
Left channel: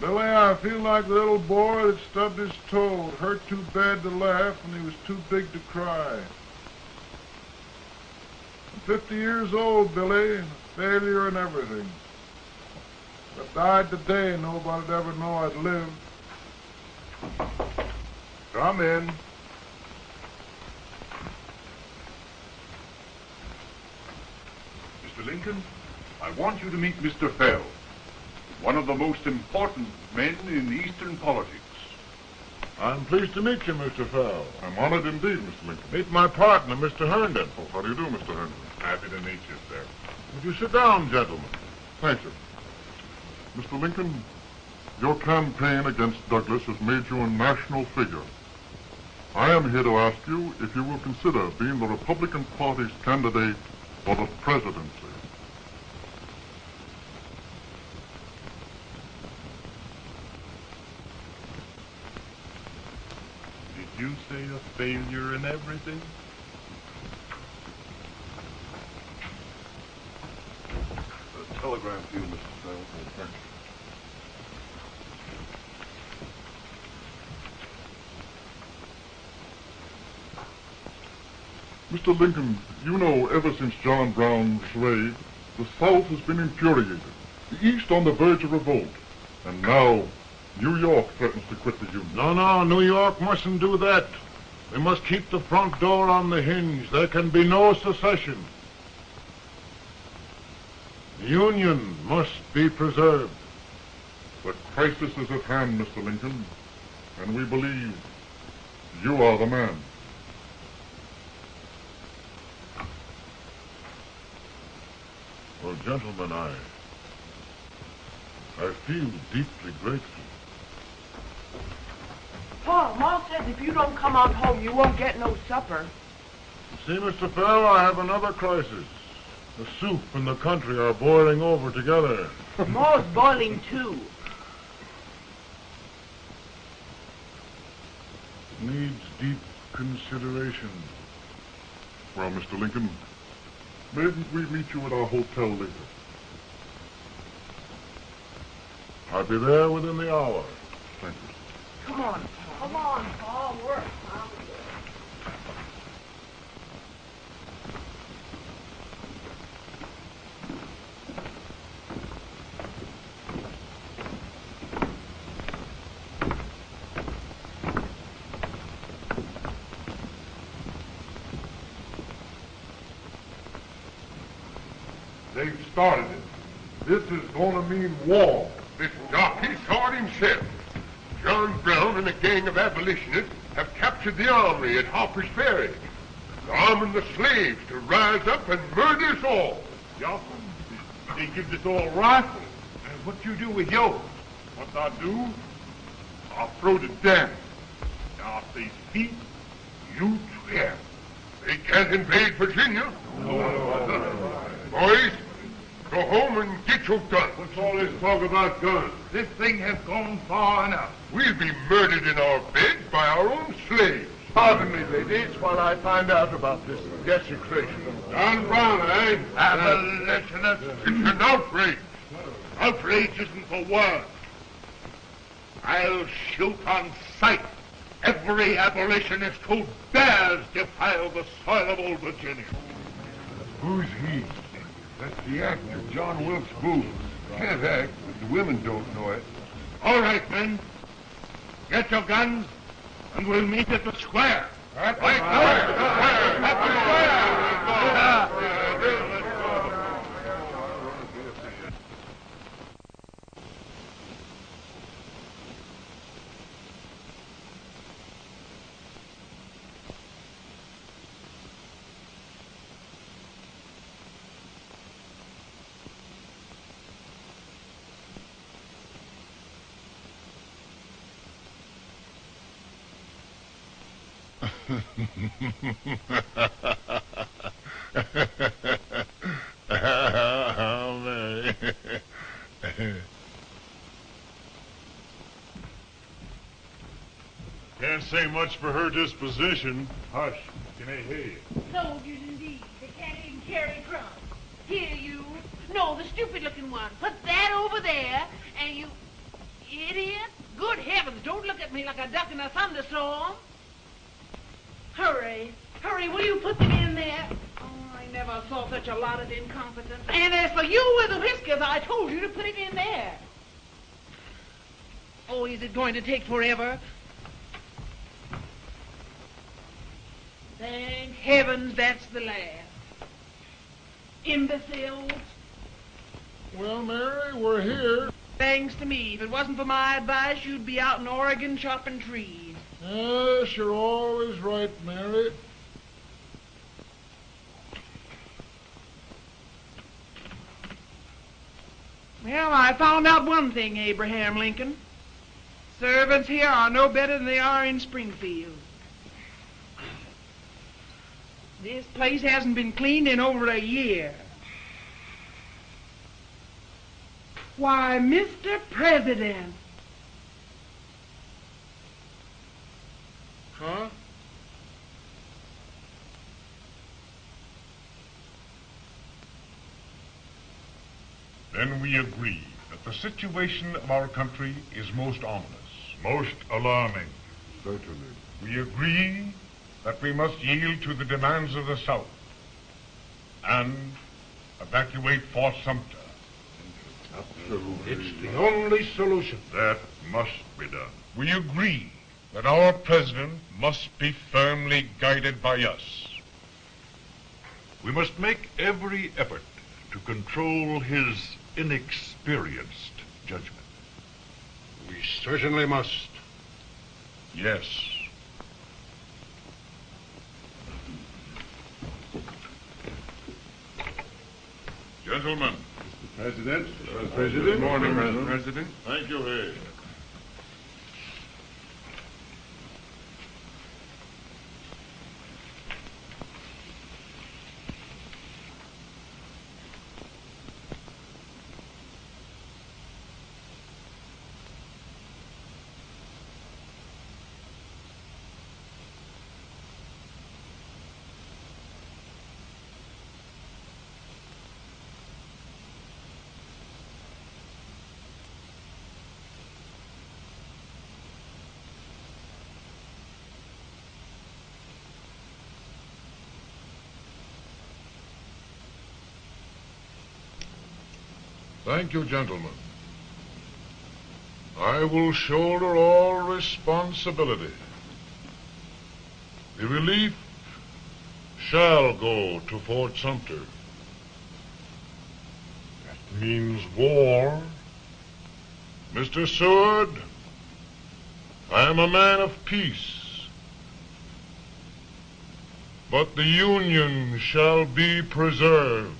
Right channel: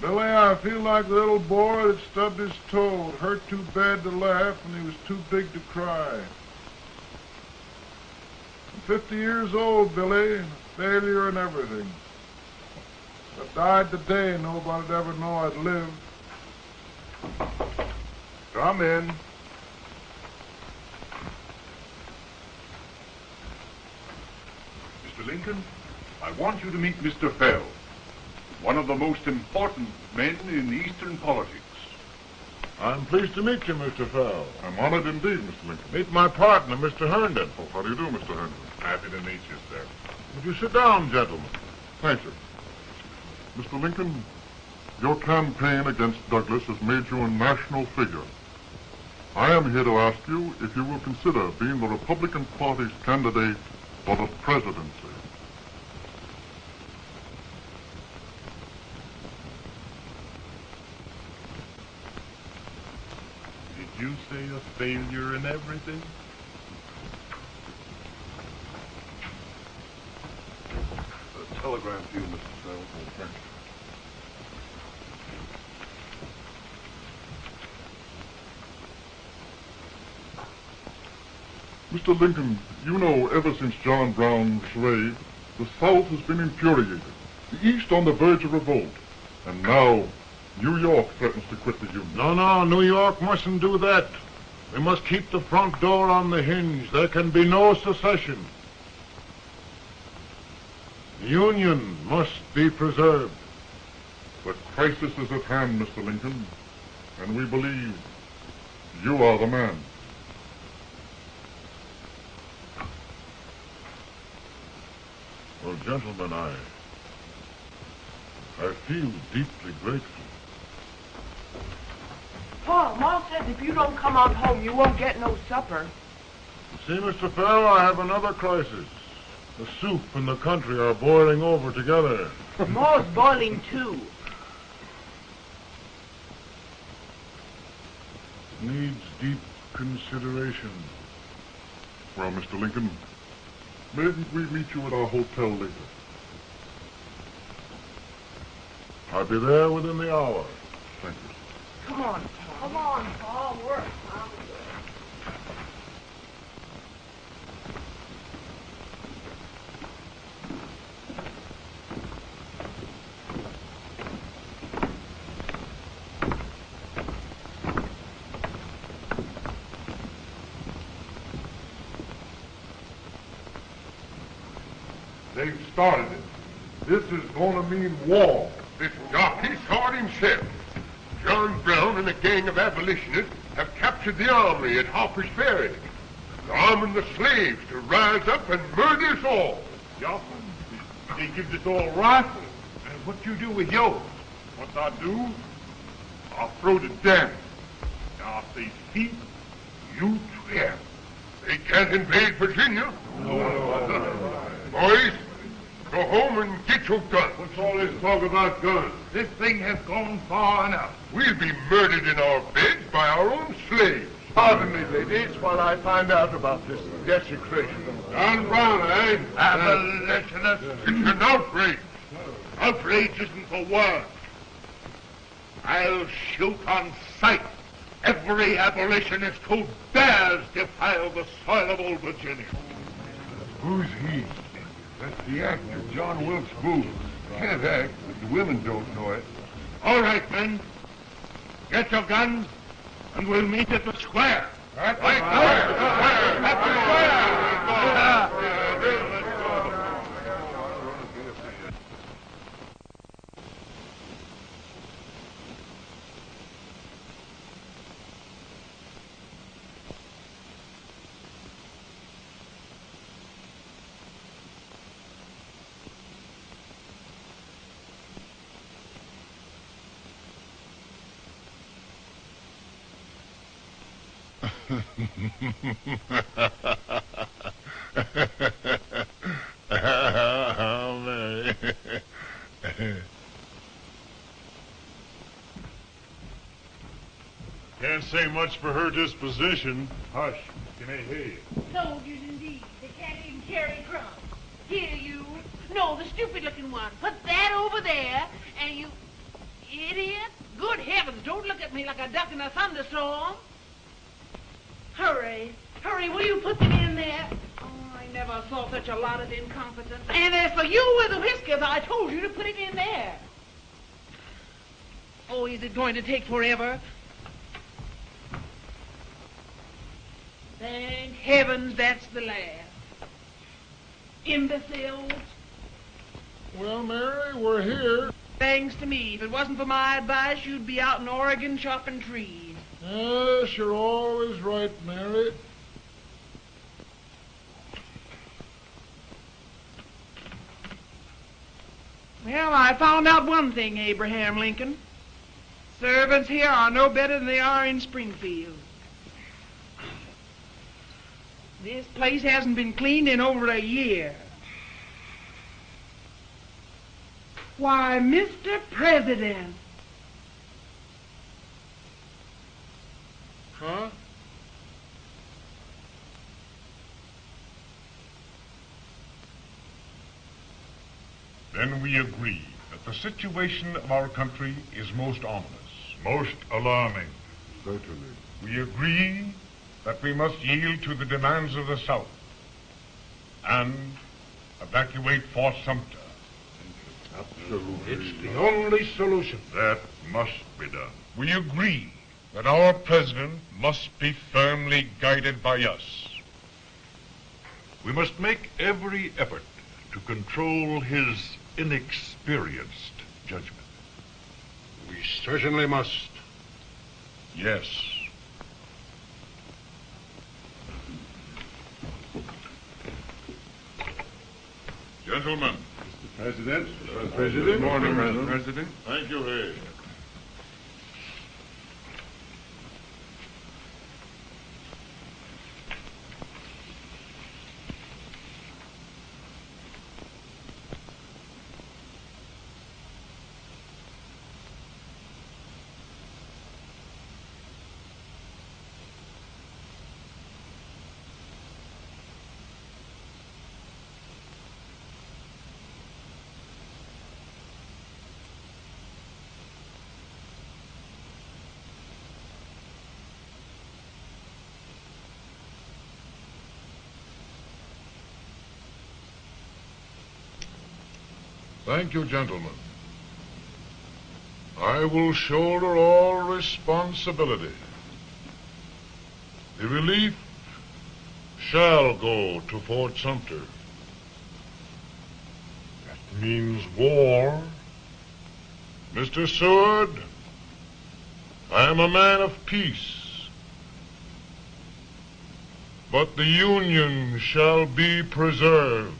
Billy, I feel like a little boy that stubbed his toe. It hurt too bad to laugh and he was too big to cry. I'm 50 years old, Billy, failure and everything. If I died today, nobody'd ever know I'd lived. Come in. Mr. Lincoln, I want you to meet Mr. Fell, one of the most important men in Eastern politics. I'm pleased to meet you, Mr. Fell. I'm honored indeed, Mr. Lincoln. Meet my partner, Mr. Herndon. Oh, how do you do, Mr. Herndon? Happy to meet you, sir. Would you sit down, gentlemen? Thank you. Mr. Lincoln, your campaign against Douglas has made you a national figure. I am here to ask you if you will consider being the Republican Party's candidate for the presidency. say a failure in everything? Telegram to you, Mr. Farrell. Mr. Lincoln, you know, ever since John Brown was slain, the South has been infuriated, the East on the verge of revolt, and now New York threatens to quit the Union. No, New York mustn't do that. They must keep the front door on the hinge. There can be no secession. The Union must be preserved. The crisis is at hand, Mr. Lincoln, and we believe you are the man. Well, gentlemen, I feel deeply grateful. Paul, Ma says if you don't come on home, you won't get no supper. See, Mr. Farrell, I have another crisis. The soup and the country are boiling over together. Ma's boiling too. It needs deep consideration. Well, Mr. Lincoln, maybe we meet you at our hotel later. I'll be there within the hour. Thank you. Come on, Paul. Come on, Paul. Work. They've started it. This is going to mean war. This jockey saw it himself. John Brown and a gang of abolitionists have captured the armory at Harper's Ferry. They're arming the slaves to rise up and murder us all. Yeah. They give us all rifles. And what you do with yours? What I do, I'll throw the damn. Now, if they defeat, You swear. They can't invade Virginia. Boys, go home and get your guns. what's all this talk about guns? This thing has gone far enough. We'll be murdered in our beds by our own slaves. Pardon me, ladies, while I find out about this desecration of John Brown, eh? Abolitionists. It's an outrage. Outrage isn't for words. I'll shoot on sight every abolitionist who dares defile the soil of old Virginia. Who's he? That's the actor, John Wilkes Booth. Can't act, but the women don't know it. All right, men. Get your guns, and we'll meet at the square. At the square! At the square! Can't say much for her disposition. Hush, can I hear you? Soldiers indeed. They can't even carry crumbs. Here, you. No, the stupid-looking one. Put that over there, and you... Idiot. Good heavens, don't look at me like a duck in a thunderstorm. Hurry. Hurry, will you put them in there? Oh, I never saw such a lot of incompetence. And as for you with the whiskers, I told you to put him in there. Oh, is it going to take forever? Thank heavens that's the last. Imbeciles. Well, Mary, we're here. Thanks to me. If it wasn't for my advice, you'd be out in Oregon chopping trees. Yes, you're always right, Mary. Well, I found out one thing, Abraham Lincoln. Servants here are no better than they are in Springfield. This place hasn't been cleaned in over a year. Why, Mr. President. Huh? Then we agree that the situation of our country is most ominous. Most alarming. Certainly. We agree that we must yield to the demands of the South and evacuate Fort Sumter. It's the only solution. That must be done. We agree that our president must be firmly guided by us. We must make every effort to control his inexperienced judgment. We certainly must. Yes. Gentlemen. President. Good morning, Mr. President. Thank you, Hay. Thank you, gentlemen. I will shoulder all responsibility. The relief shall go to Fort Sumter. That means war. Mr. Seward, I am a man of peace. But the Union shall be preserved.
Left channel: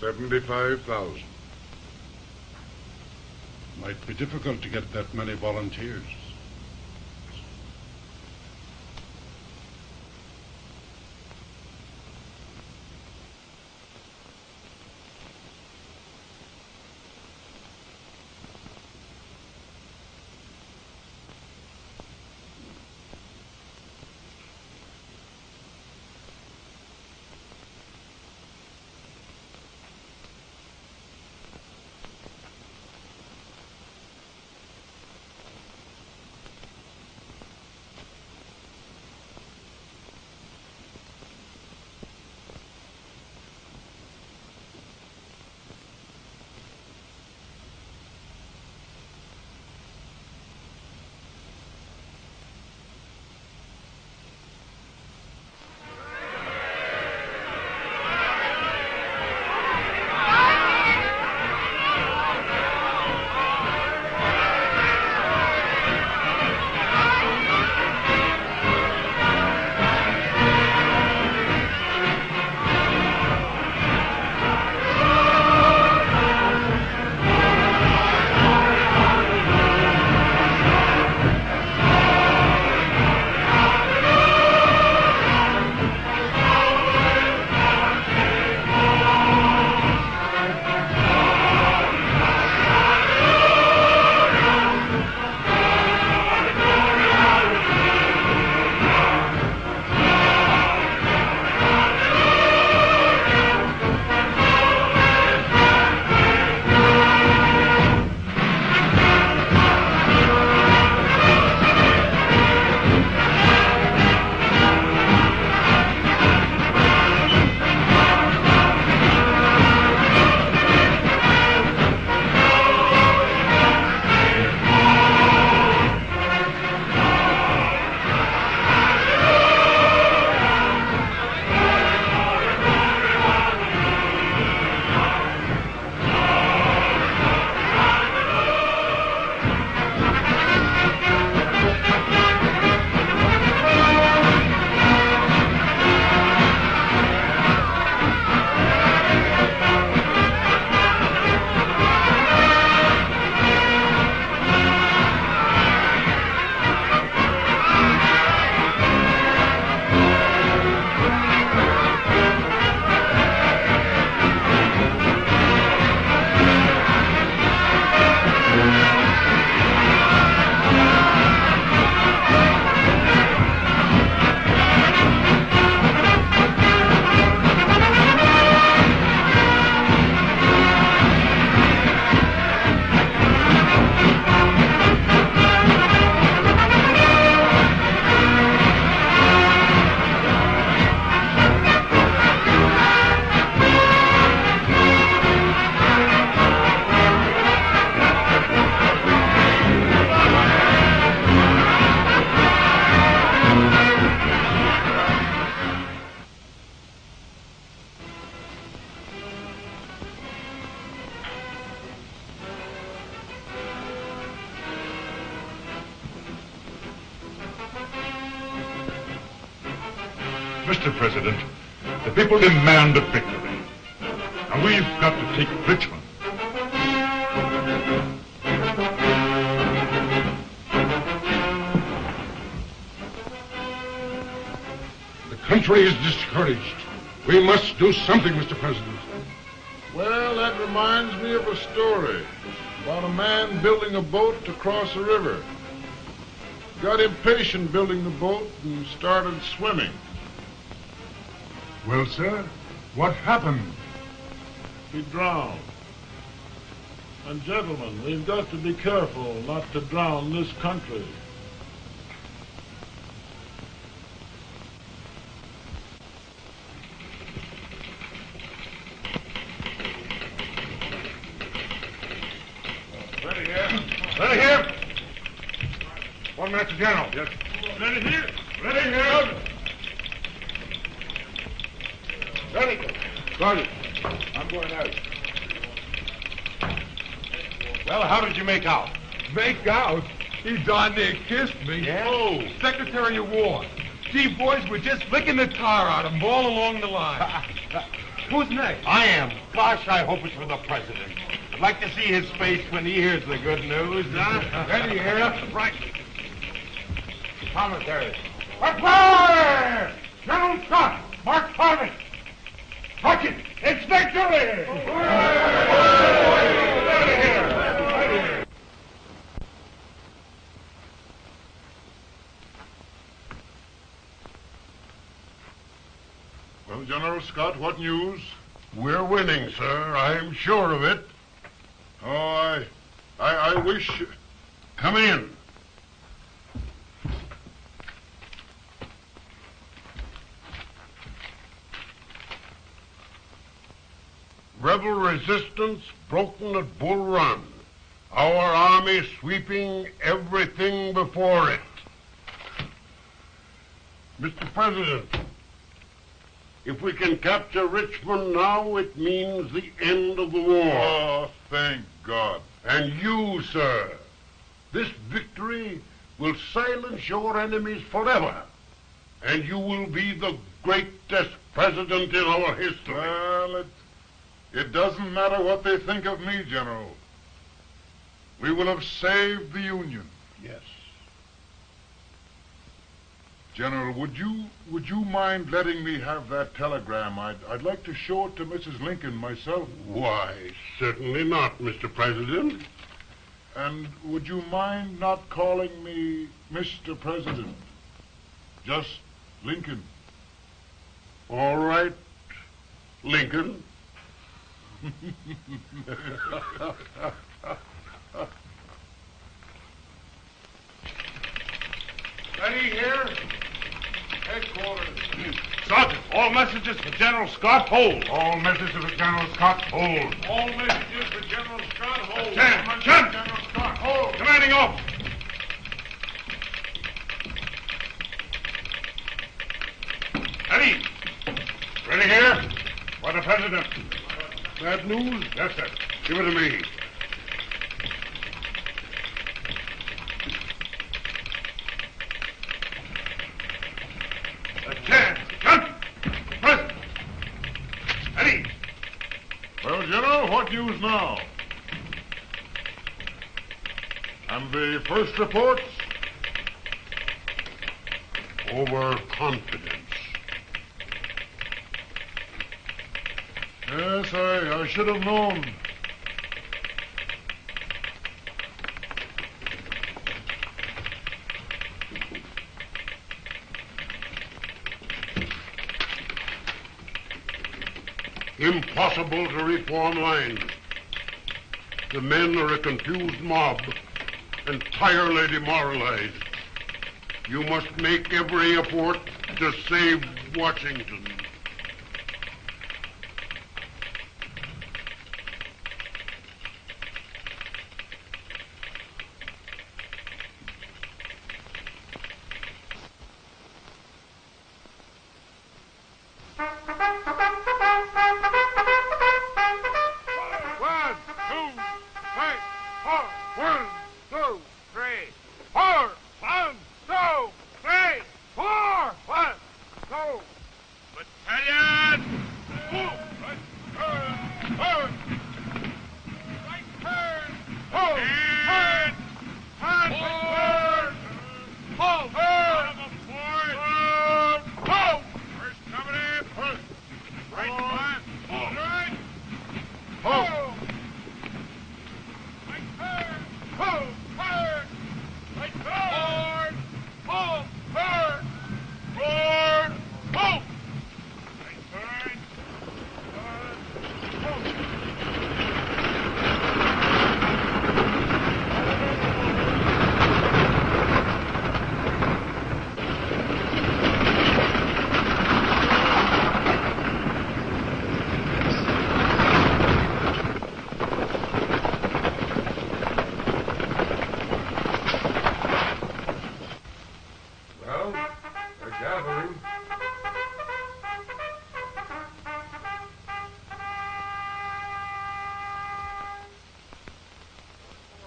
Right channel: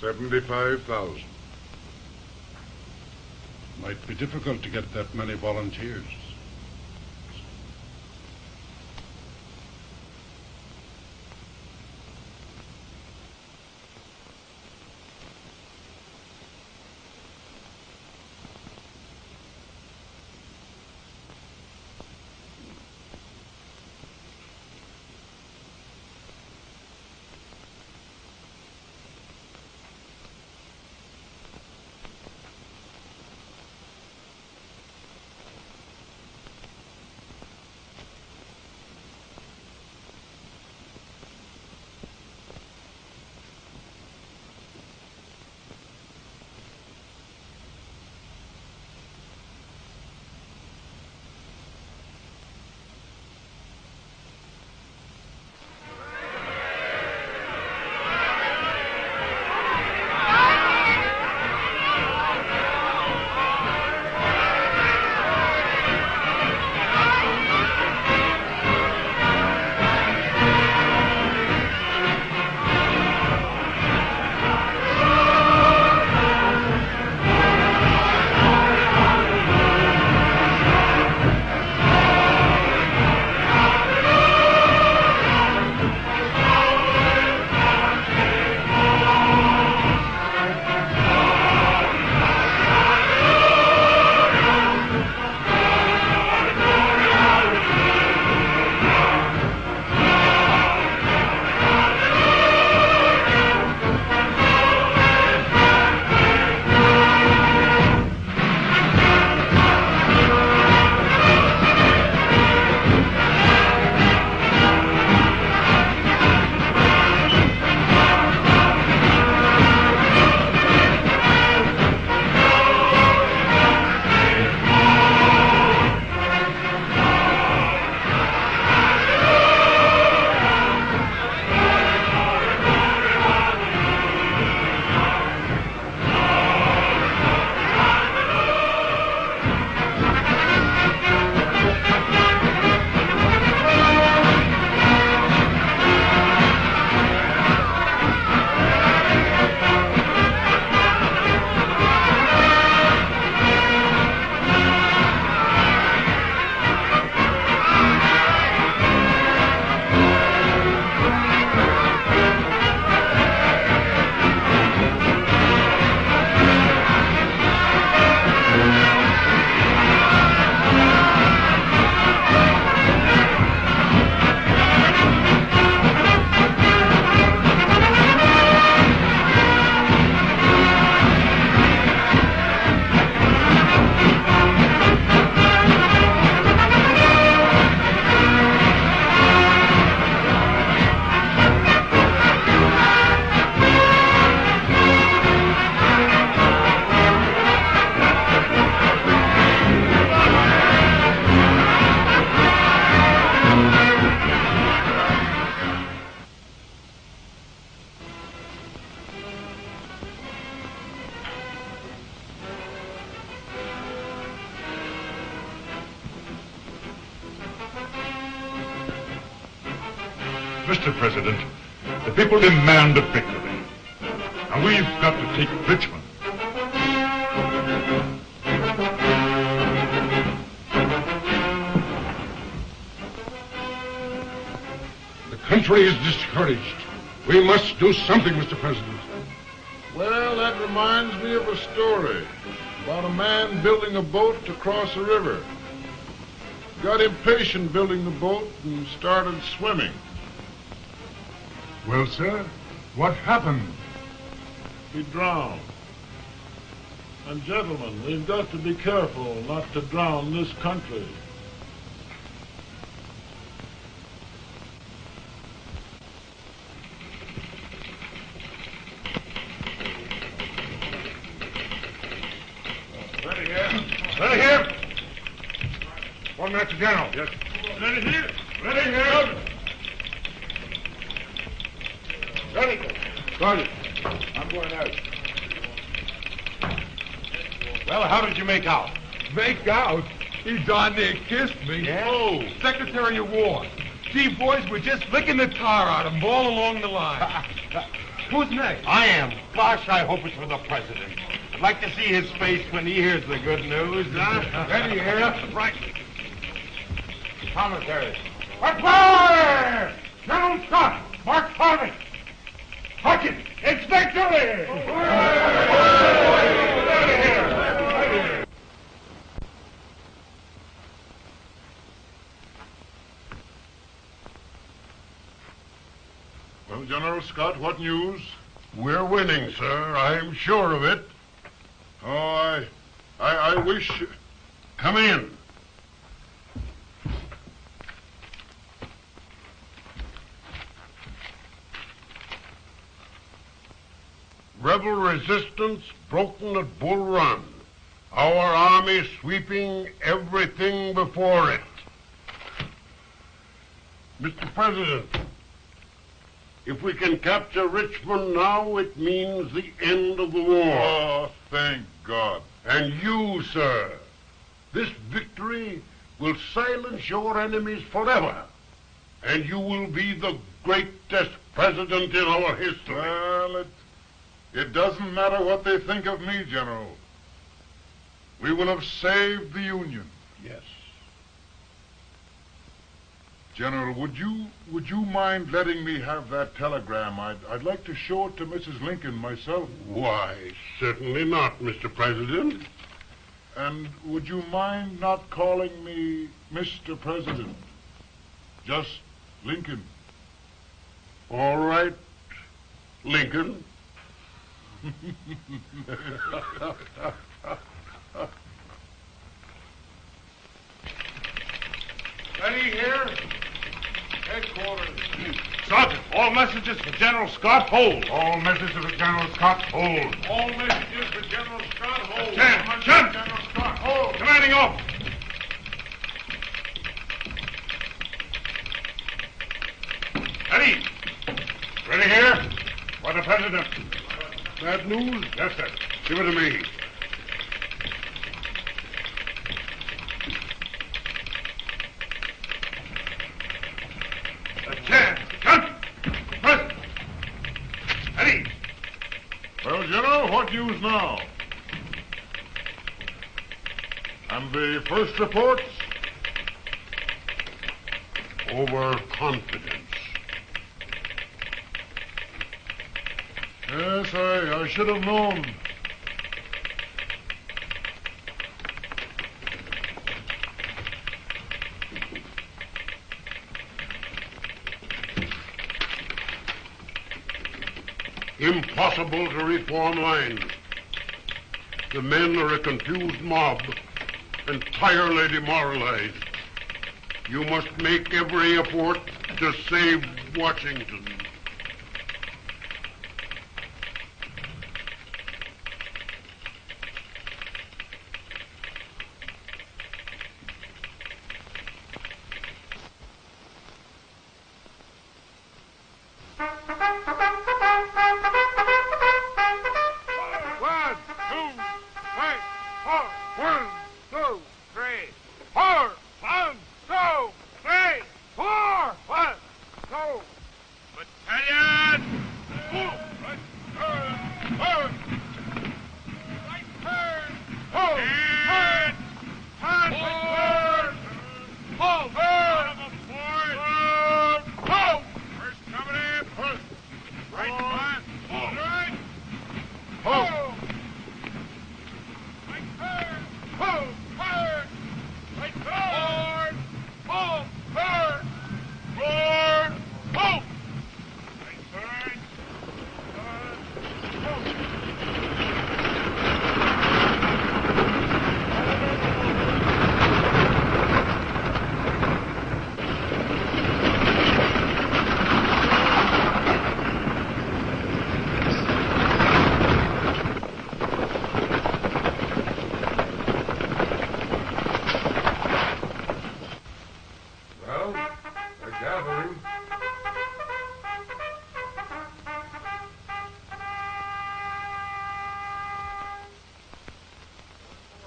$75,000. Might be difficult to get that many volunteers. Mr. President, the people demand a victory. And we've got to take Richmond. The country is discouraged. We must do something, Mr. President. Well, that reminds me of a story about a man building a boat to cross a river. Got impatient building the boat and started swimming. Well, sir, what happened? He drowned. And gentlemen, we've got to be careful not to drown this country. Ready here. Ready here. 1 minute to General. Yes. Ready here. Ready here. Ready. Sorry, I'm going out. Well, how did you make out? Make out? He darn near kissed me. Yeah? Oh, Secretary of War. Gee, boys, we're just licking the tar out of him all along the line. Who's next? I am. Gosh, I hope it's for the president. I'd like to see his face when he hears the good news. Ready here. Right. Commentary. Fire! General Scott, Mark Harvey. Sergeant, it's victory! Well, General Scott, what news? We're winning, sir. I'm sure of it. Oh, I wish... Come in. Rebel resistance broken at Bull Run. Our army sweeping everything before it. Mr. President, if we can capture Richmond now, it means the end of the war. Oh, thank God. And you, sir, this victory will silence your enemies forever. And you will be the greatest president in our history. Well, it doesn't matter what they think of me, General. We will have saved the Union. Yes. General, would you mind letting me have that telegram? I'd like to show it to Mrs. Lincoln myself. Why, certainly not, Mr. President. And would you mind not calling me Mr. President? Just Lincoln. All right, Lincoln. Ready here? Headquarters. Sergeant, all messages for General Scott, hold. All messages for General Scott, hold. All messages for General Scott, hold. General Scott, hold. Commanding officer. Ready? Ready here? For the President. Bad news? Yes, sir. Give it to me. Ready? Well, General, what news now? And the first reports? Overconfidence. Yes, I should have known. Impossible to reform lines. The men are a confused mob, entirely demoralized. You must make every effort to save Washington.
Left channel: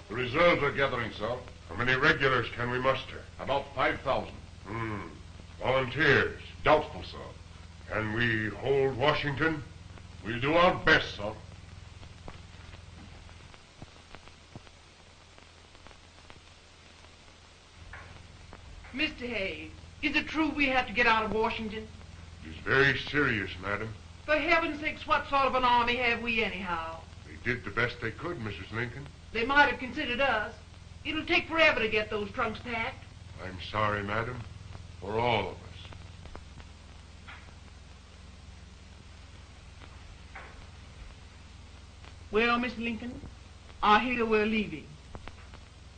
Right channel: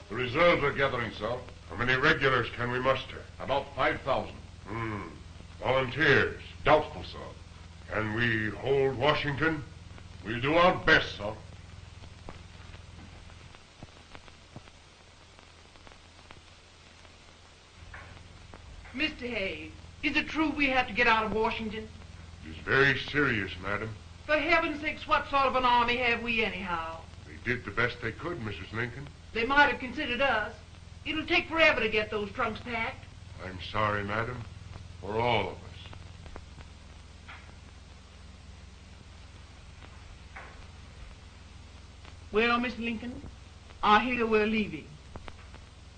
Reserves are gathering, sir. How many regulars can we muster? About 5,000. Volunteers? Doubtful, sir. Can we hold Washington? We'll do our best, sir. Mr. Hayes, is it true we have to get out of Washington? It's very serious, madam. For heaven's sakes, what sort of an army have we anyhow? They did the best they could, Mrs. Lincoln. They might have considered us. It'll take forever to get those trunks packed. I'm sorry, madam, for all of us. Well, Miss Lincoln, I hear we're leaving.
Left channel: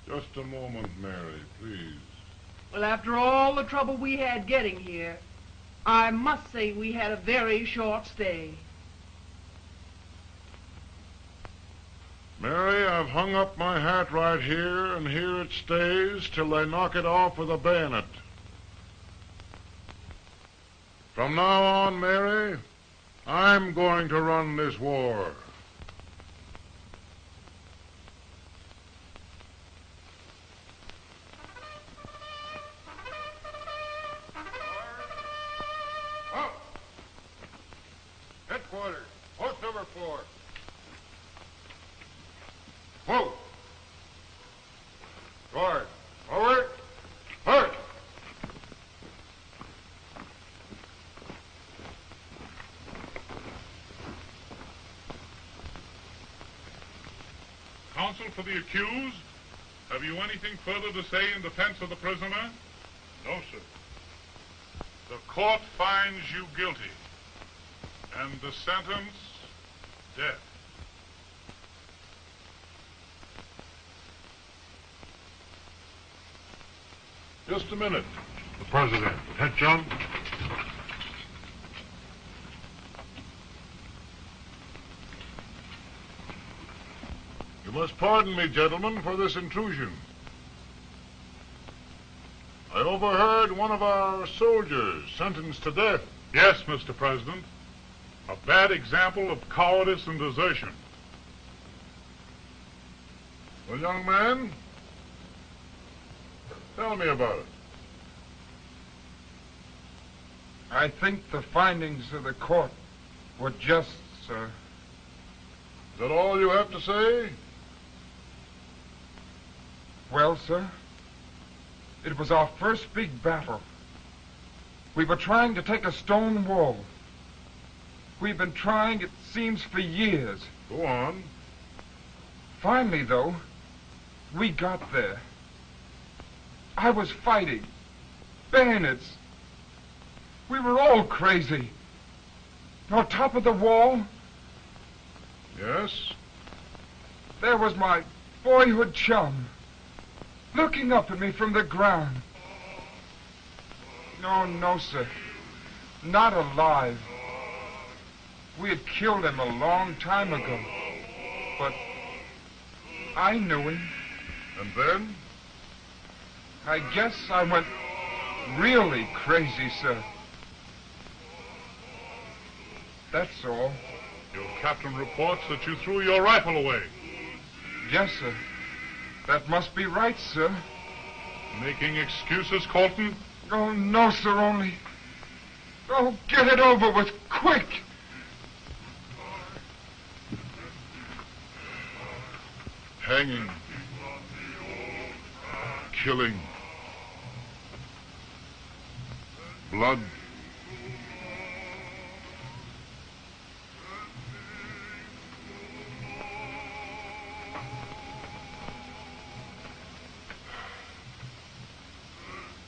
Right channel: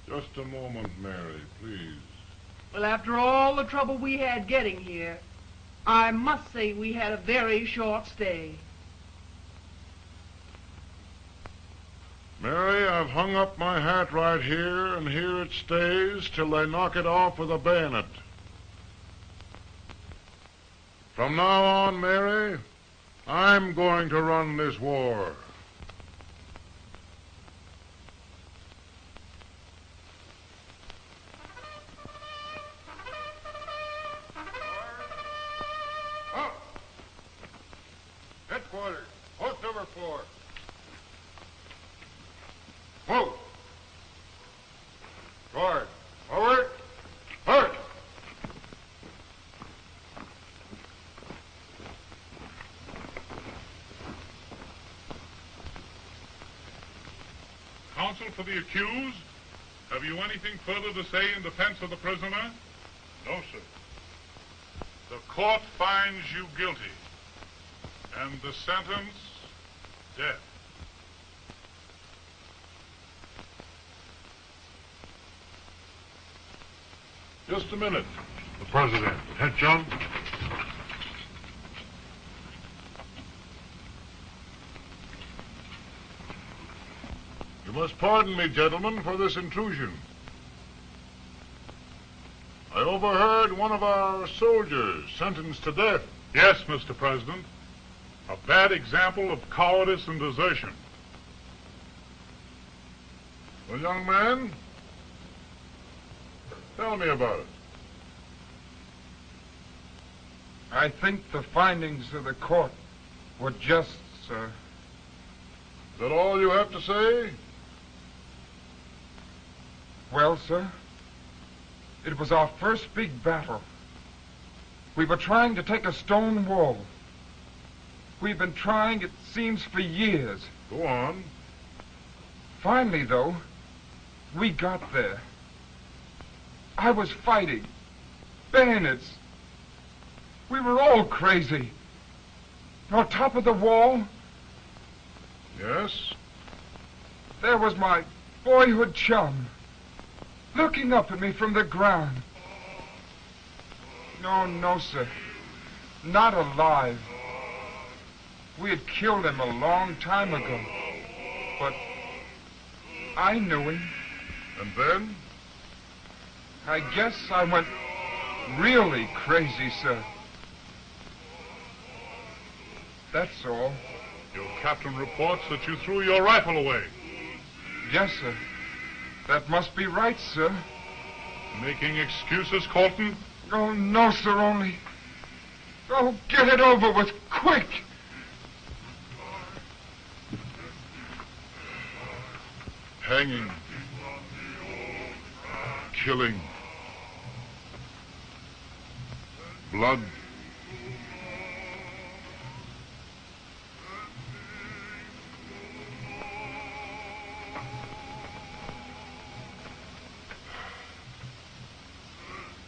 Just a moment, Mary, please. Well, after all the trouble we had getting here, I must say we had a very short stay. Mary, I've hung up my hat right here, and here it stays till they knock it off with a bayonet. From now on, Mary, I'm going to run this war. Headquarters, post number 4. Whoa! Forward! Forward! Forward! Counsel for the accused, have you anything further to say in defense of the prisoner? No, sir. The court finds you guilty, and the sentence, death. Just a minute. The president. Head, John. You must pardon me, gentlemen, for this intrusion. I overheard one of our soldiers sentenced to death. Yes, Mr. President. A bad example of cowardice and desertion. Well, young man, tell me about it. I think the findings of the court were just, sir. Is that all you have to say? Well, sir, it was our first big battle. We were trying to take a stone wall. We've been trying, it seems, for years. Go on. Finally, though, we got there. I was fighting. Bayonets. We were all crazy. On top of the wall, Yes? there was my boyhood chum, looking up at me from the ground. No, sir. Not alive. We had killed him a long time ago. But I knew him. And then? I guess I went really crazy, sir. That's all. Your captain reports that you threw your rifle away. Yes, sir. That must be right, sir. Making excuses, Colton? Oh, no, sir, only... Oh, get it over with, quick! Hanging. Killing. Blood.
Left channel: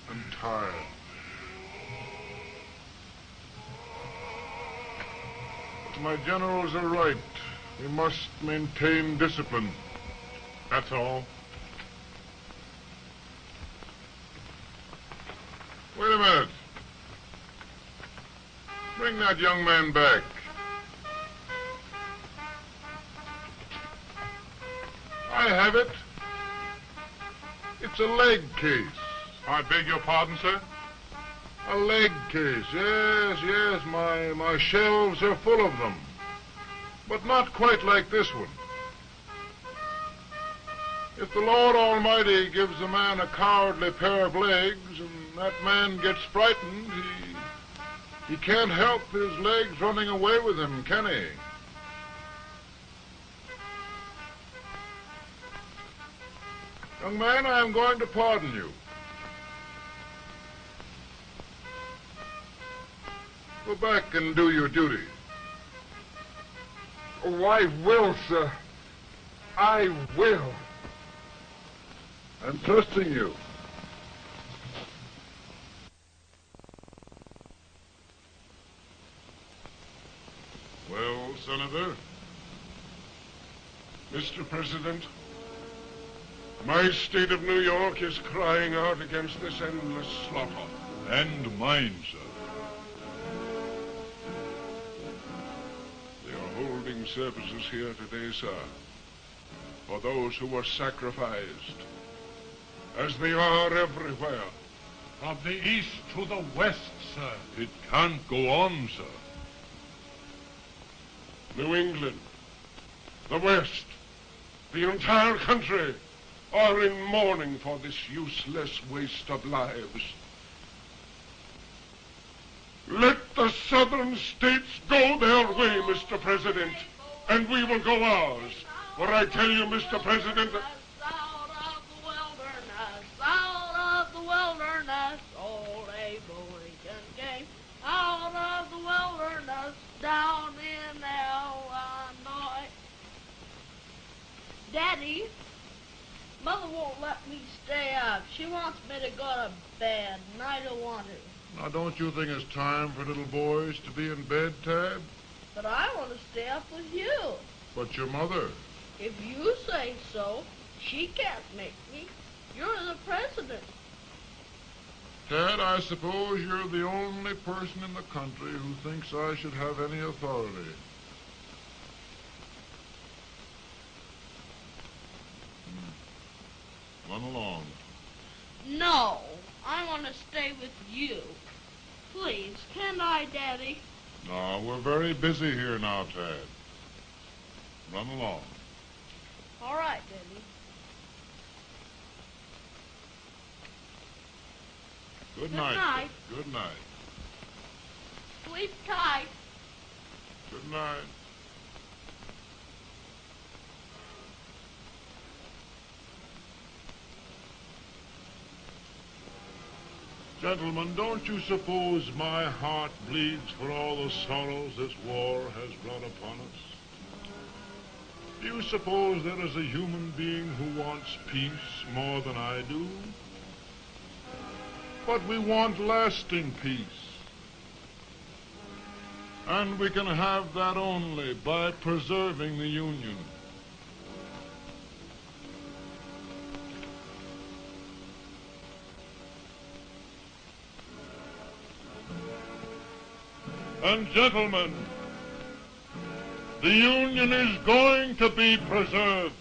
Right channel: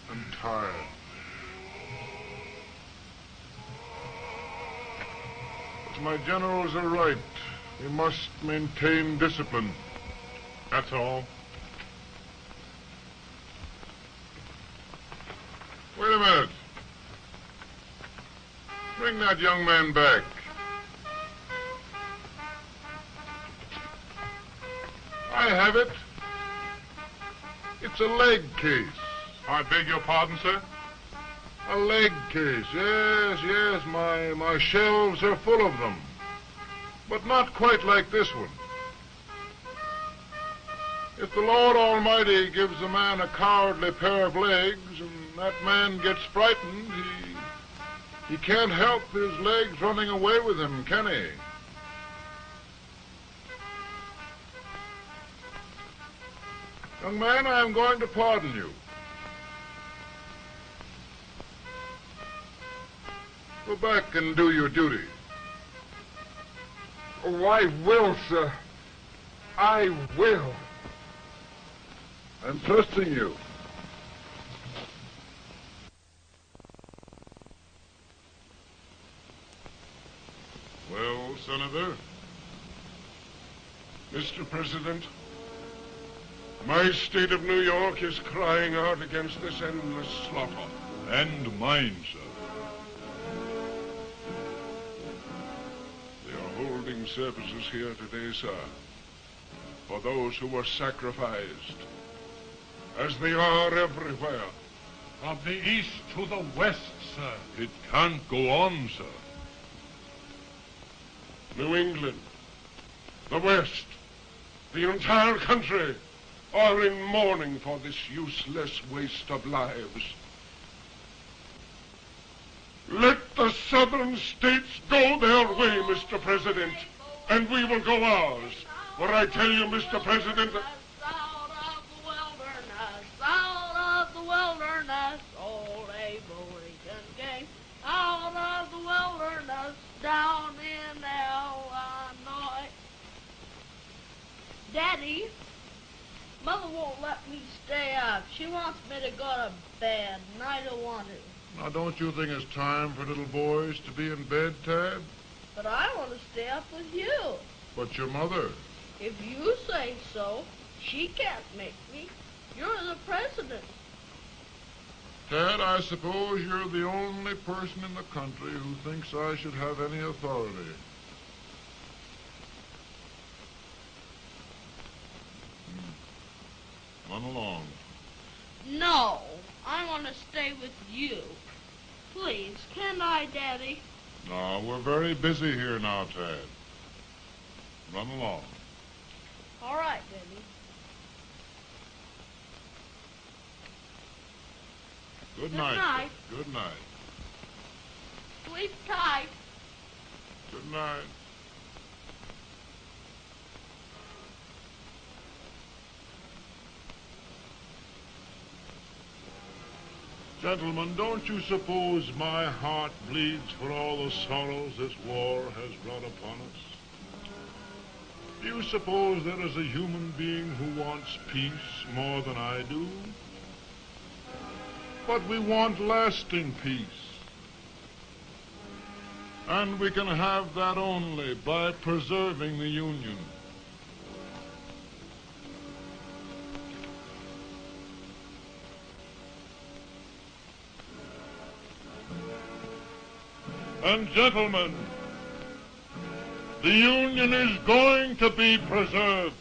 I'm tired. But my generals are right. We must maintain discipline. That's all. Wait a minute. Bring that young man back. I have it. It's a leg case. I beg your pardon, sir? A leg case, yes. My shelves are full of them. But not quite like this one. If the Lord Almighty gives a man a cowardly pair of legs and that man gets frightened, he can't help his legs running away with him, can he? Young man, I am going to pardon you. Go back and do your duty. Oh, I will, sir. I will. I'm trusting you. Well, Senator? Mr. President, my state of New York is crying out against this endless slaughter. And mine, sir. They are holding services here today, sir, for those who were sacrificed, as they are everywhere. From the east to the west, sir. It can't go on, sir. New England, the West, the entire country are in mourning for this useless waste of lives. Let the southern states go their way, Mr. President, and we will go ours. For I tell you, Mr. President... Out of the wilderness, old Abraham Lincoln came. Out of the wilderness, down in Illinois. Daddy, Mother won't let me stay up. She wants me to go to bed, and I don't want to. Now, don't you think it's time for little boys to be in bed, Tad? But I want to stay up with you. But your mother... If you say so, she can't make me. You're the president. Tad, I suppose you're the only person in the country who thinks I should have any authority. Run along. No, I want to stay with you. Please, can I, Daddy? No, we're very busy here now, Tad. Run along. All right, Daddy. Good Good night. night. Good night. Sleep tight. Good night. Gentlemen, don't you suppose my heart bleeds for all the sorrows this war has brought upon us? Do you suppose there is a human being who wants peace more than I do? But we want lasting peace. And we can have that only by preserving the Union. And gentlemen, the Union is going to be preserved.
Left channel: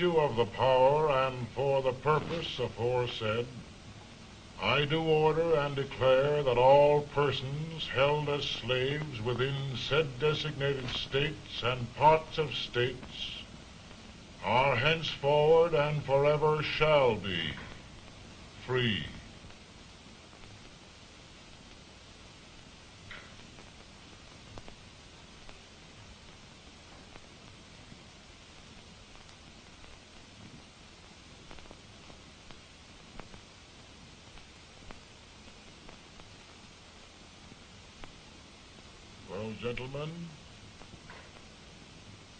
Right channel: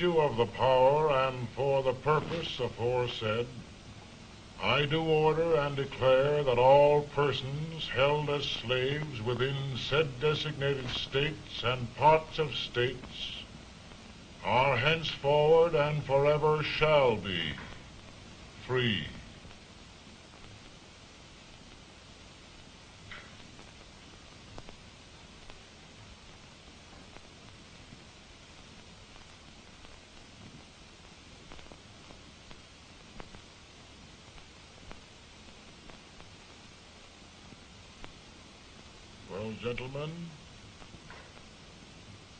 Of the power and for the purpose aforesaid, I do order and declare that all persons held as slaves within said designated states and parts of states are henceforward and forever shall be free. Gentlemen,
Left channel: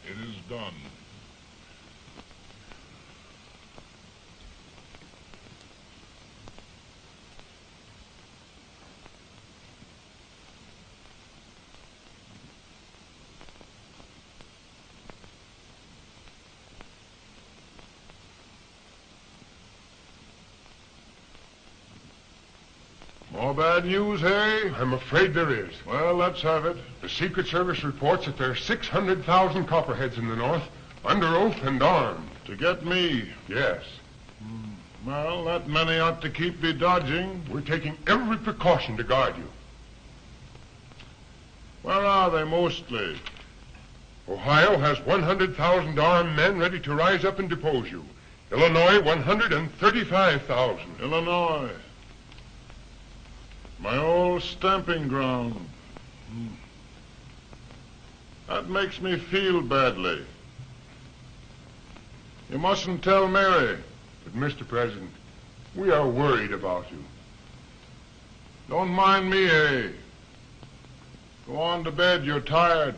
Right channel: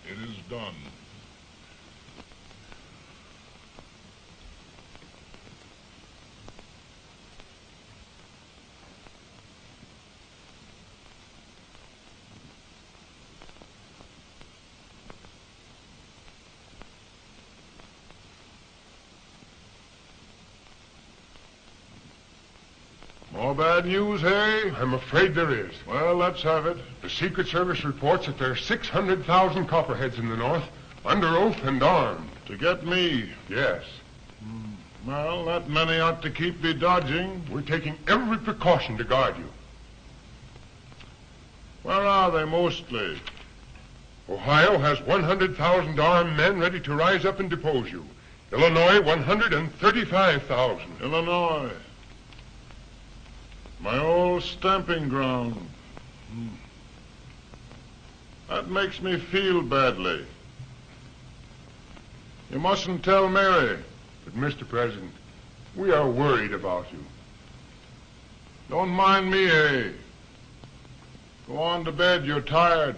it is done. More bad news, eh? I'm afraid there is. Well, let's have it. The Secret Service reports that there are 600,000 copperheads in the north, under oath and armed. To get me? Yes. Well, that many ought to keep me dodging. We're taking every precaution to guard you. Where are they mostly? Ohio has 100,000 armed men ready to rise up and depose you. Illinois, 135,000. Illinois. My old stamping ground. That makes me feel badly. You mustn't tell Mary. But, Mr. President, we are worried about you. Don't mind me, eh? Go on to bed. You're tired.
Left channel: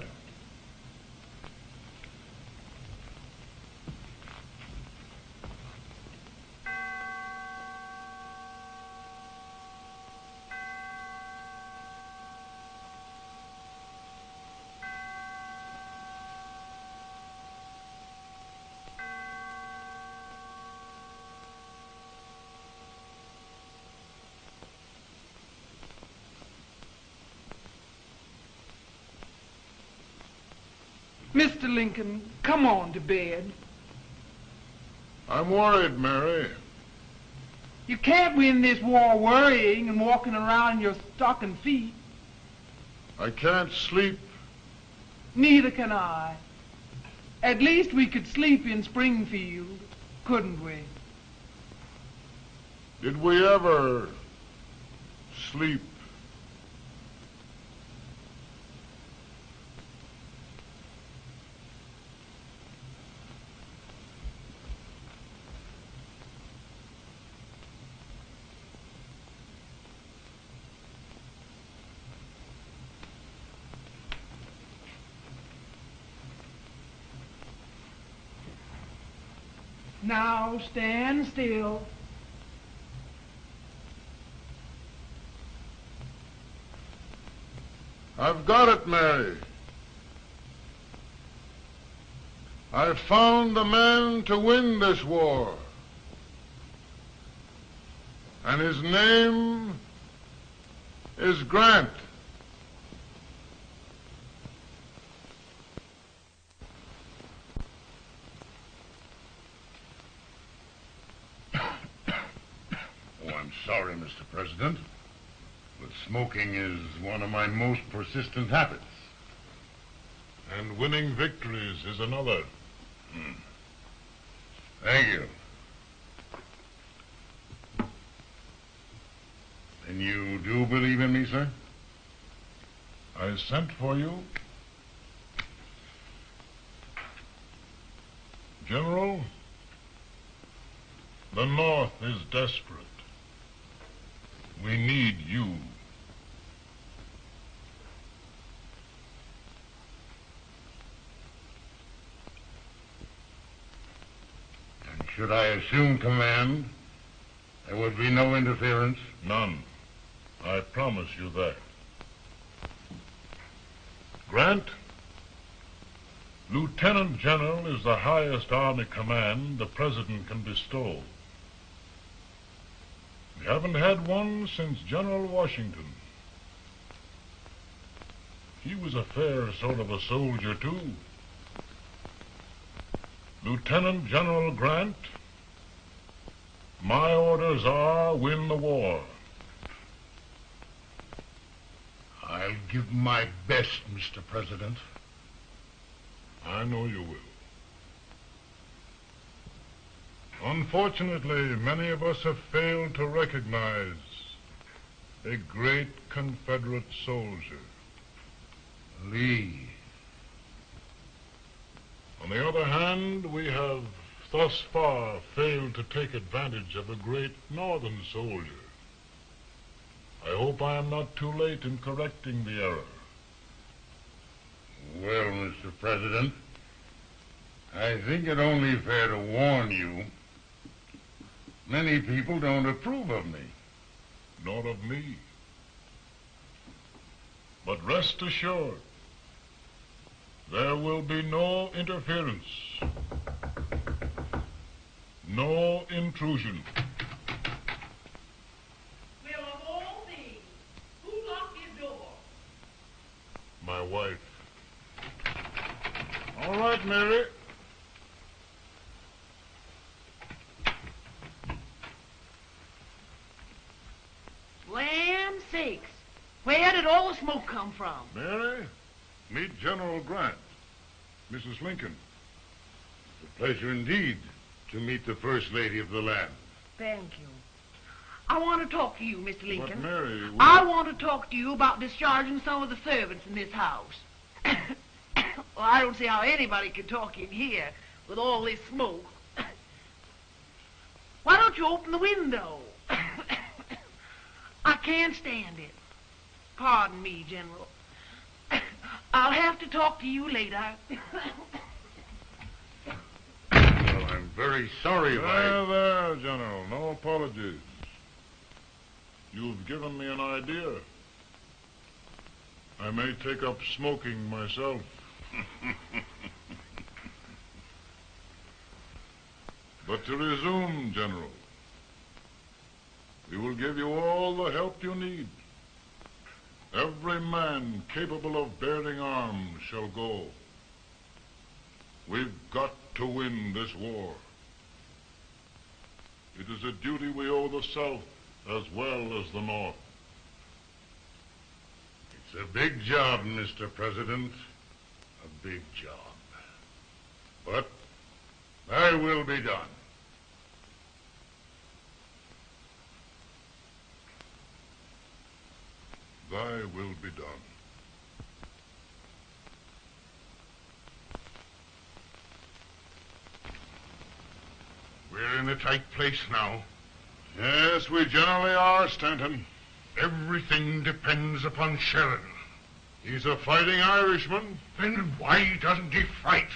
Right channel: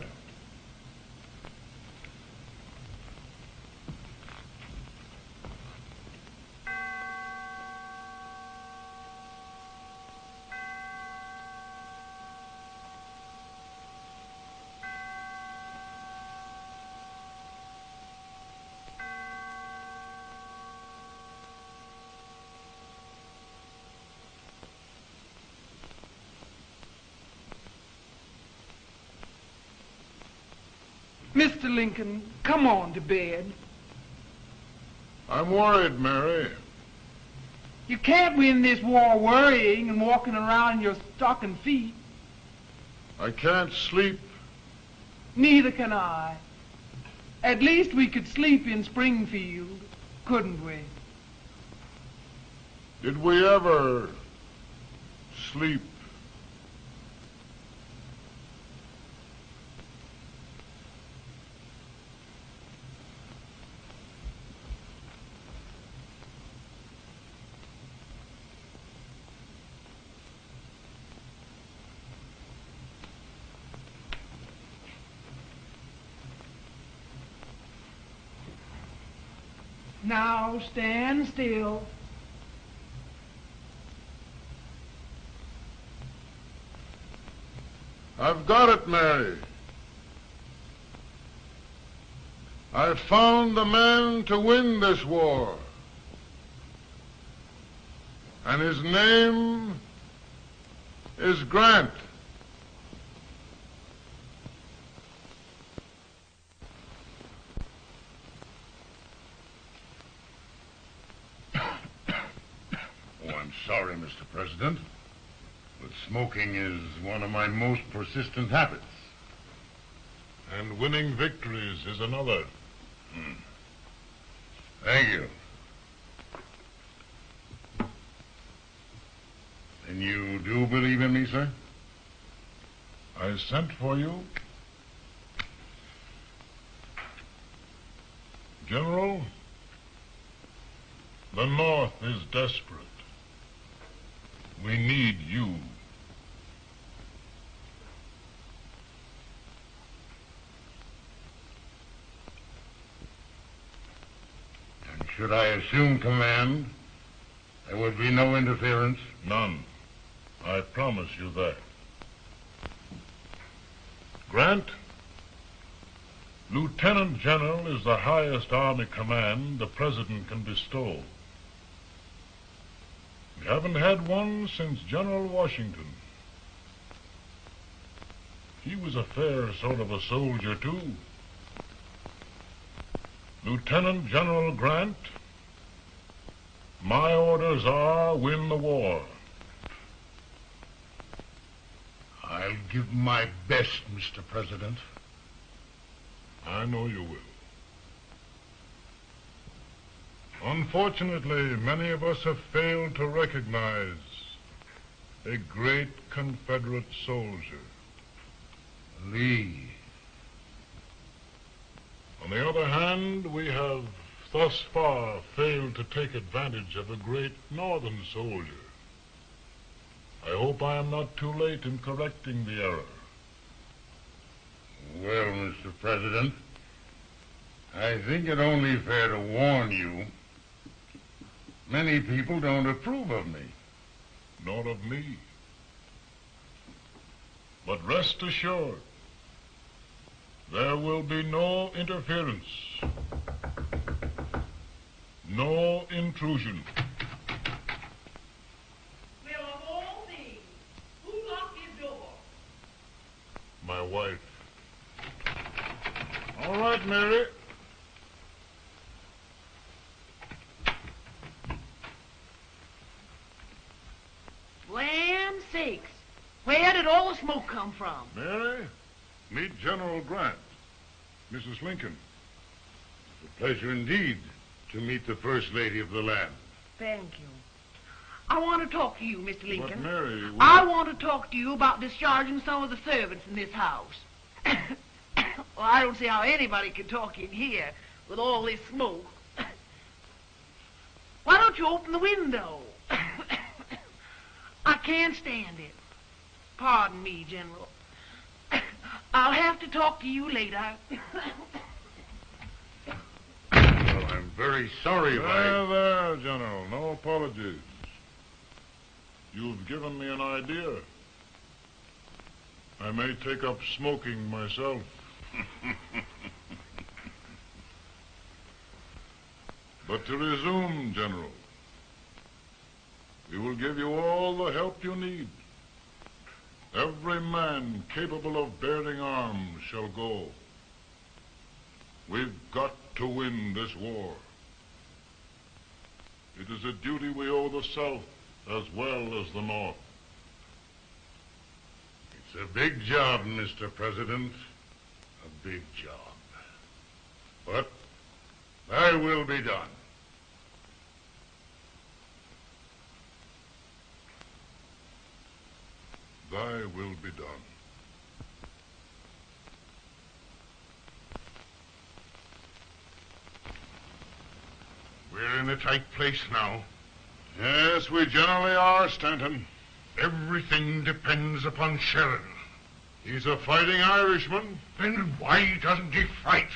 Mr. Lincoln, come on to bed. I'm worried, Mary. You can't win this war worrying and walking around in your stocking feet. I can't sleep. Neither can I. At least we could sleep in Springfield, couldn't we? Did we ever sleep? Now stand still. I've got it, Mary. I've found the man to win this war. And his name is Grant. I'm sorry, Mr. President, but smoking is one of my most persistent habits. And winning victories is another. Thank you. And you do believe in me, sir? I sent for you. General, the North is desperate. We need you. And should I assume command, there would be no interference? None. I promise you that. Grant, Lieutenant General is the highest army command the President can bestow. We haven't had one since General Washington. He was a fair sort of a soldier, too. Lieutenant General Grant, my orders are win the war. I'll give my best, Mr. President. I know you will. Unfortunately, many of us have failed to recognize a great Confederate soldier, Lee. On the other hand, we have thus far failed to take advantage of a great Northern soldier. I hope I am not too late in correcting the error. Well, Mr. President, I think it only fair to warn you. Many people don't approve of me. Nor of me. But rest assured, there will be no interference. No intrusion. Will of all things, who locked his door? My wife. All right, Mary. Land sakes, where did all the smoke come from? Mary, meet General Grant, Mrs. Lincoln. It's a pleasure indeed to meet the First Lady of the land. Thank you. I want to talk to you, Mr. Lincoln. But Mary, I want to talk to you about discharging some of the servants in this house. Well, I don't see how anybody can talk in here with all this smoke. Why don't you open the window? I can't stand it. Pardon me, General. I'll have to talk to you later. Well, I'm very sorry if I... There, General. No apologies. You've given me an idea. I may take up smoking myself. But to resume, General, we will give you all the help you need. Every man capable of bearing arms shall go. We've got to win this war. It is a duty we owe the South as well as the North. It's a big job, Mr. President. A big job. But thy will be done. Thy will be done. We're in a tight place now. Yes, we generally are, Stanton. Everything depends upon Sheridan. He's a fighting Irishman. Then why doesn't he fight?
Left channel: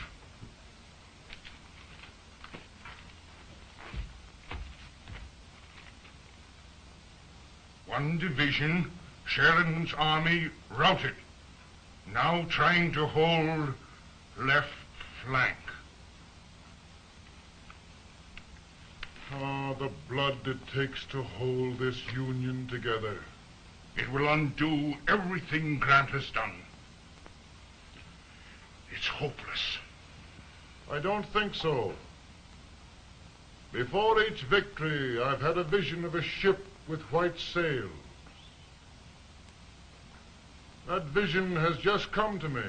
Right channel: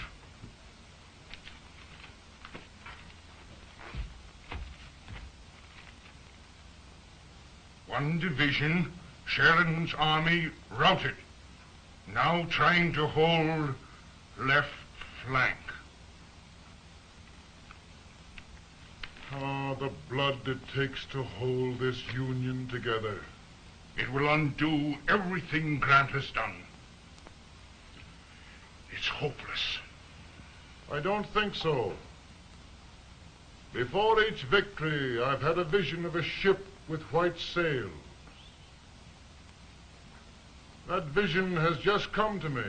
One division, Sheridan's army, routed. Now trying to hold left flank. Oh, the blood it takes to hold this Union together. It will undo everything Grant has done. It's hopeless. I don't think so. Before each victory, I've had a vision of a ship with white sails. That vision has just come to me.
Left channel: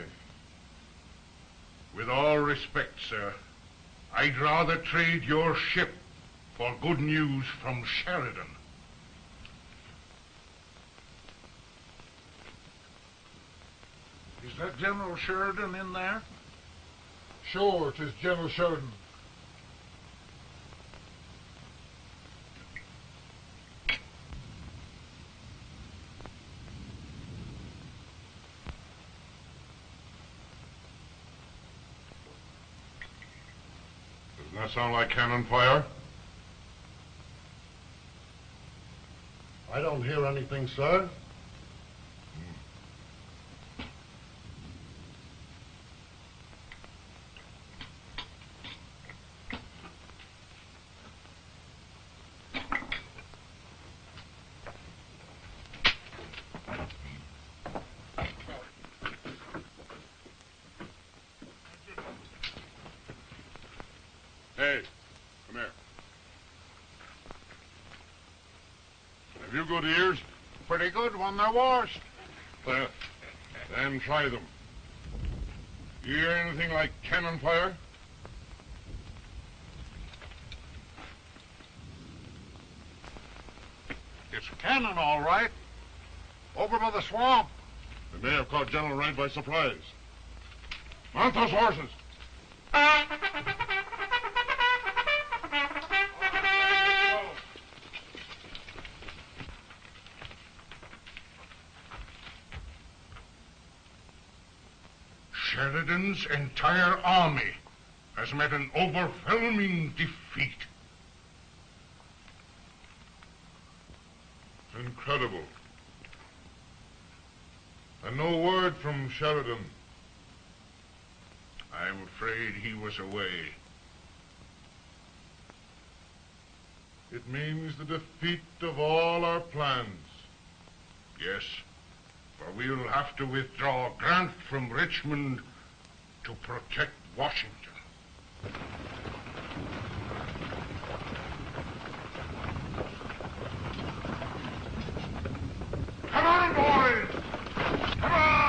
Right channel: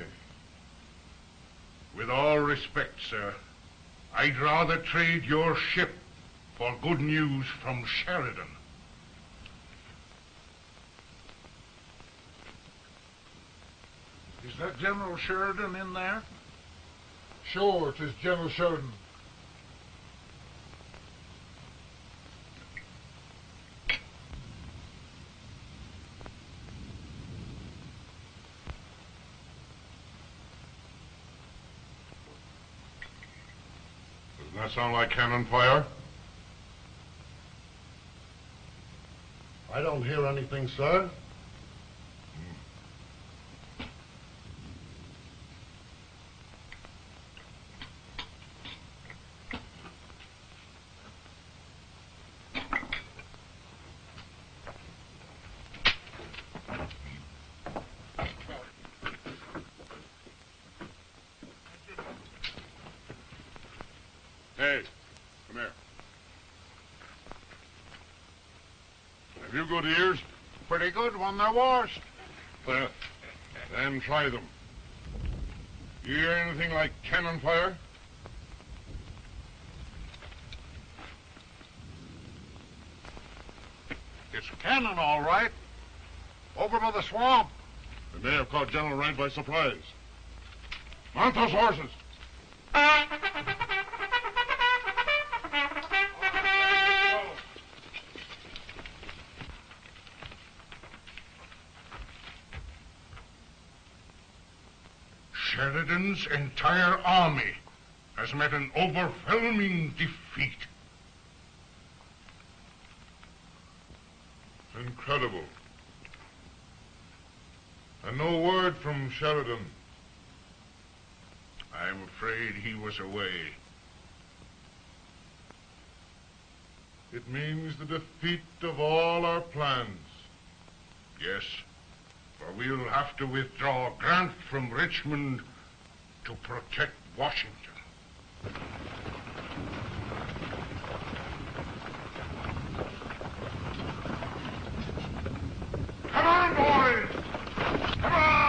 With all respect, sir, I'd rather trade your ship for good news from Sheridan. Is that General Sheridan in there? Sure, it is General Sheridan. Doesn't that sound like cannon fire? I don't hear anything, sir. Hey, come here. Have you good ears? Pretty good when they're washed. Then try them. You hear anything like cannon fire? It's cannon, all right. Over by the swamp. They may have caught General Rank by surprise. Mount those horses. Sheridan's entire army has met an overwhelming defeat. It's incredible. And no word from Sheridan. I'm afraid he was away. It means the defeat of all our plans. Yes, for we'll have to withdraw Grant from Richmond to protect Washington. Come on, boys! Come on!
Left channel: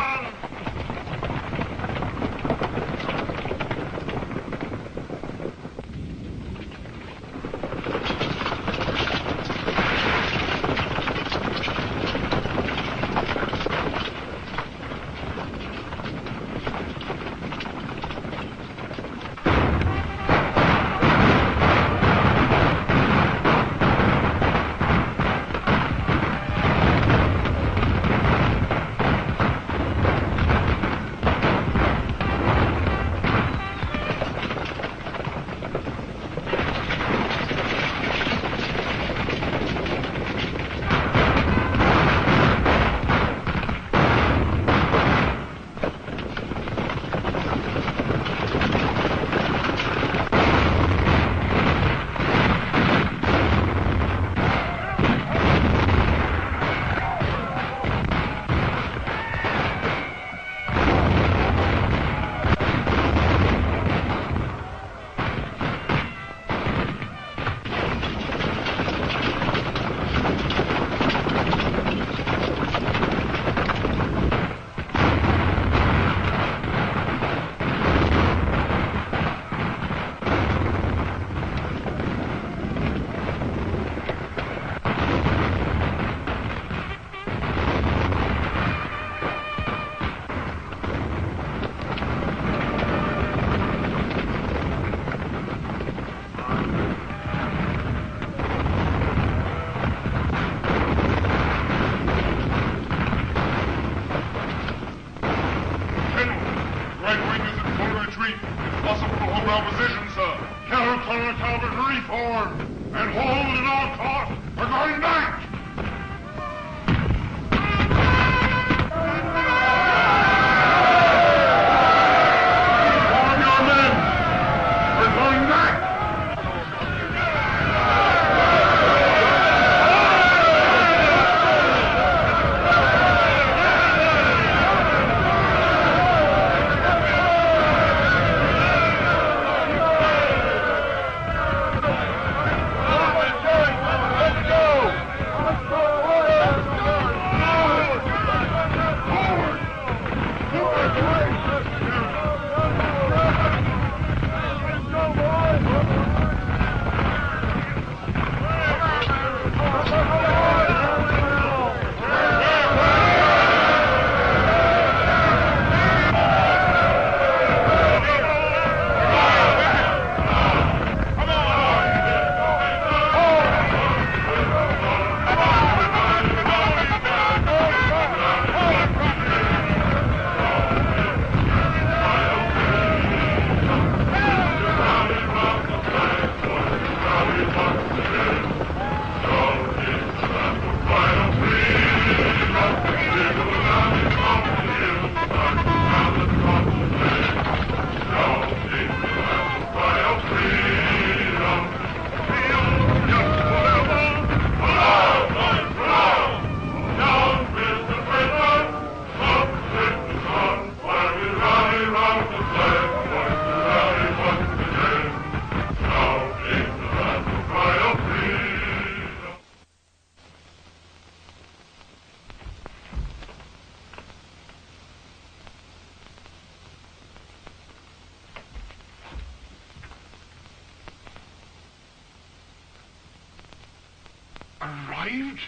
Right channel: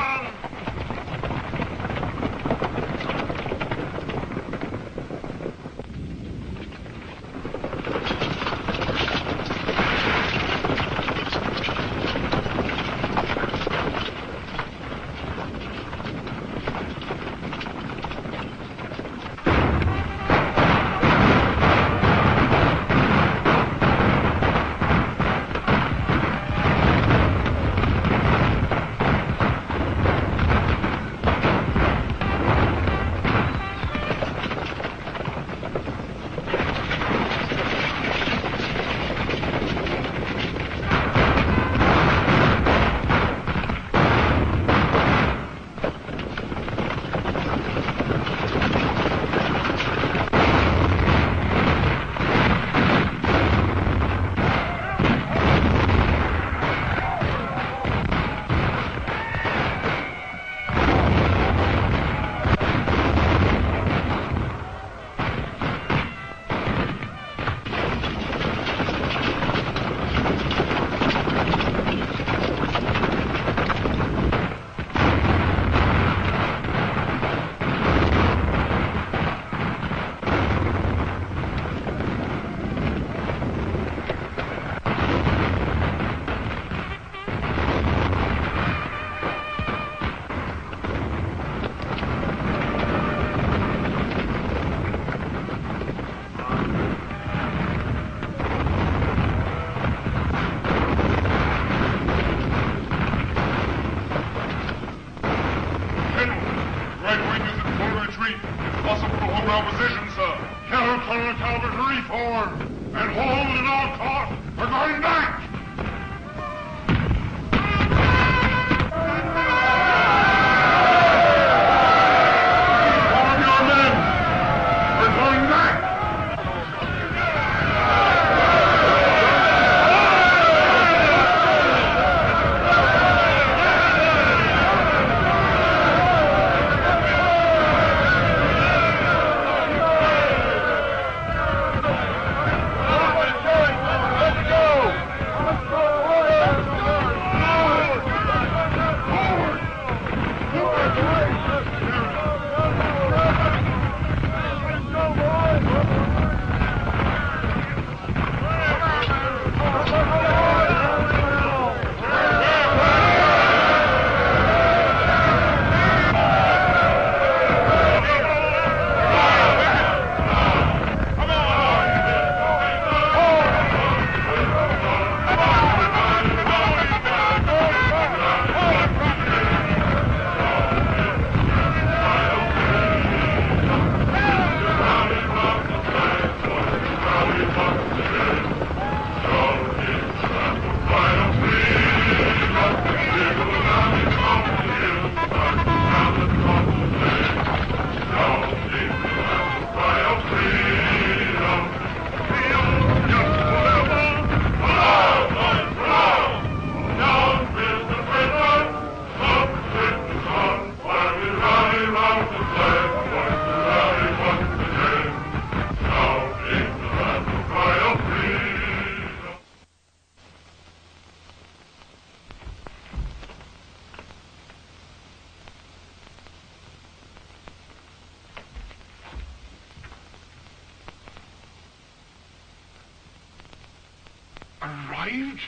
Arrived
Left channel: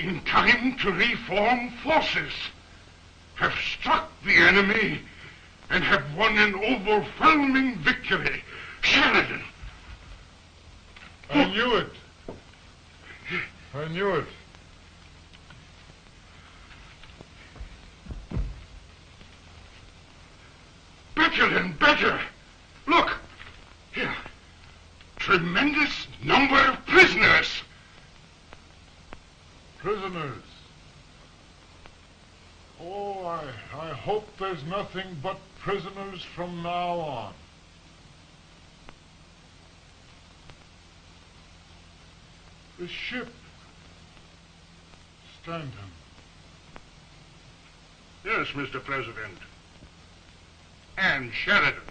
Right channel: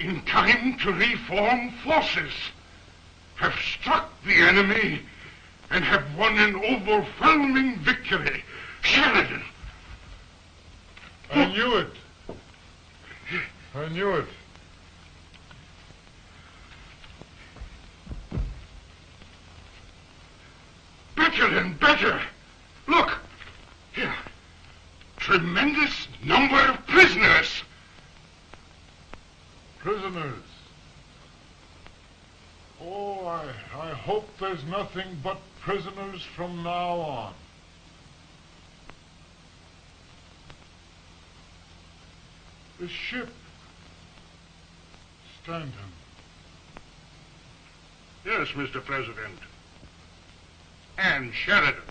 in time to reform forces, have struck the enemy, and have won an overwhelming victory. Sheridan! I knew it. I knew it. Better and better. Look, here. Tremendous number of prisoners. Prisoners. Oh, I hope there's nothing but prisoners from now on. The ship. Stanton. Yes, Mr. President. And Sheridan.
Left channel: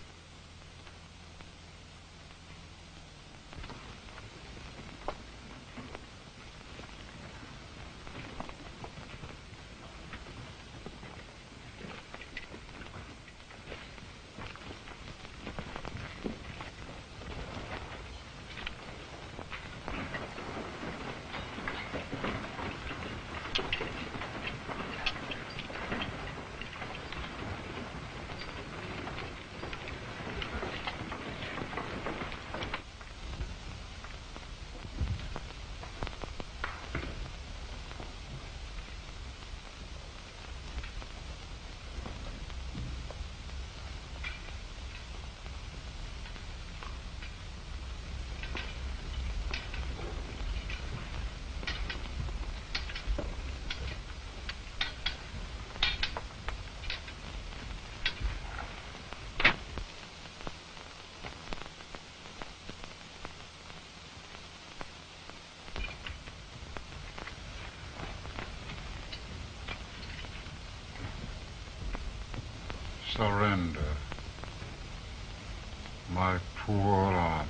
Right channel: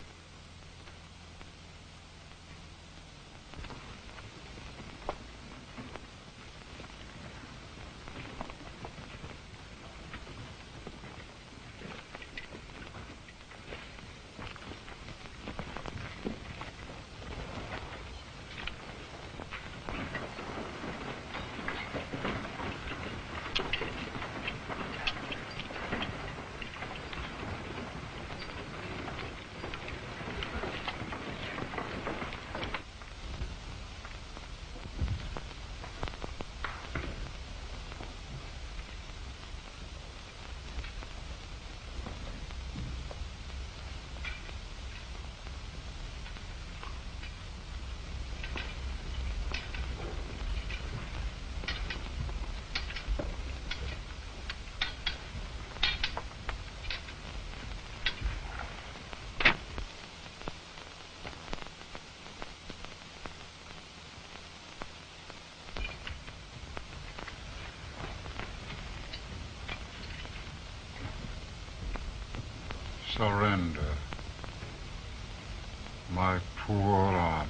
Surrender. My poor army.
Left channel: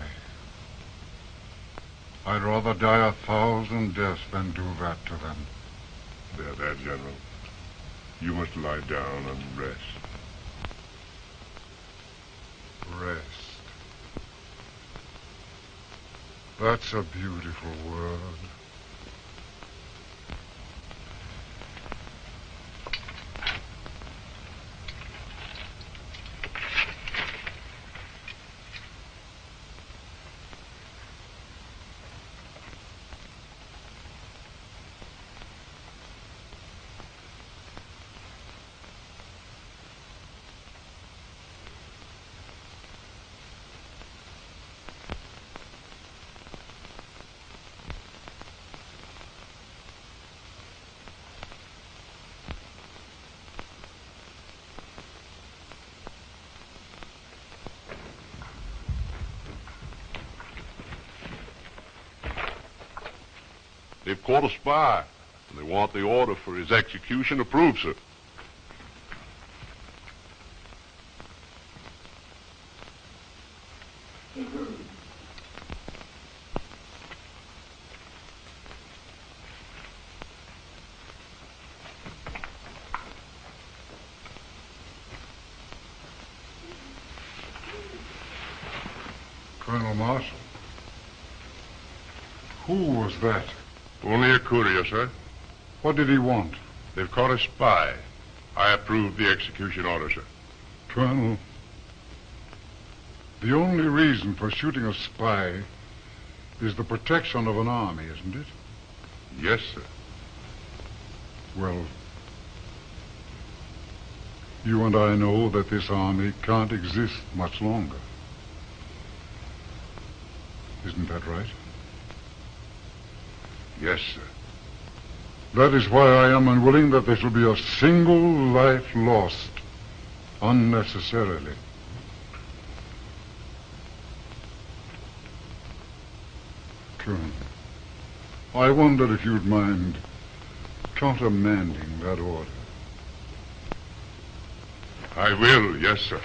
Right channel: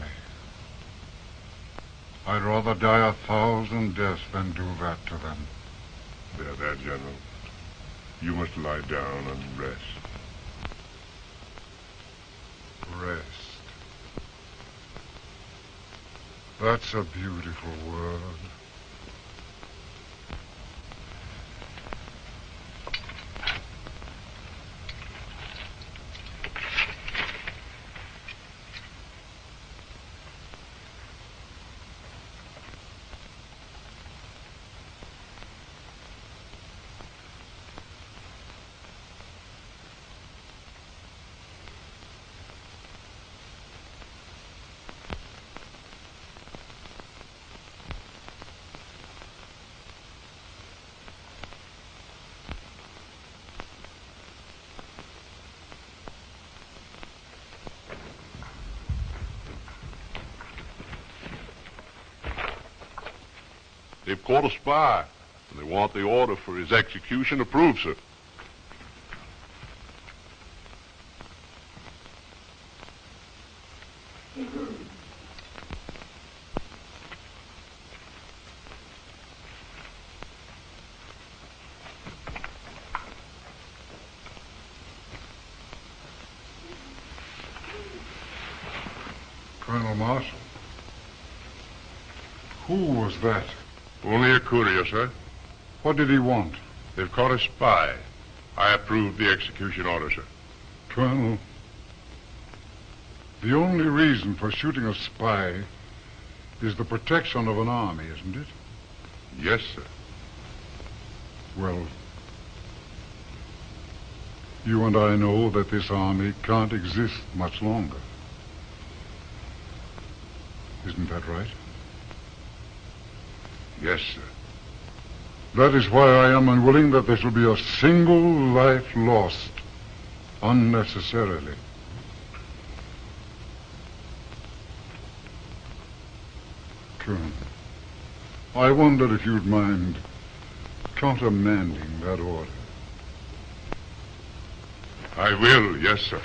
I'd rather die 1,000 deaths than do that to them. There, General. You must lie down and rest. Rest. That's a beautiful word. They've caught a spy, and they want the order for his execution approved, sir. Colonel Marshall. Who was that? Only a courier, sir. What did he want? They've caught a spy. I approve the execution order, sir. Colonel, the only reason for shooting a spy is the protection of an army, isn't it? Yes, sir. Well, you and I know that this army can't exist much longer. Isn't that right? Yes, sir. That is why I am unwilling that there shall be a single life lost unnecessarily. Colonel, I wonder if you'd mind countermanding that order. I will, yes, sir.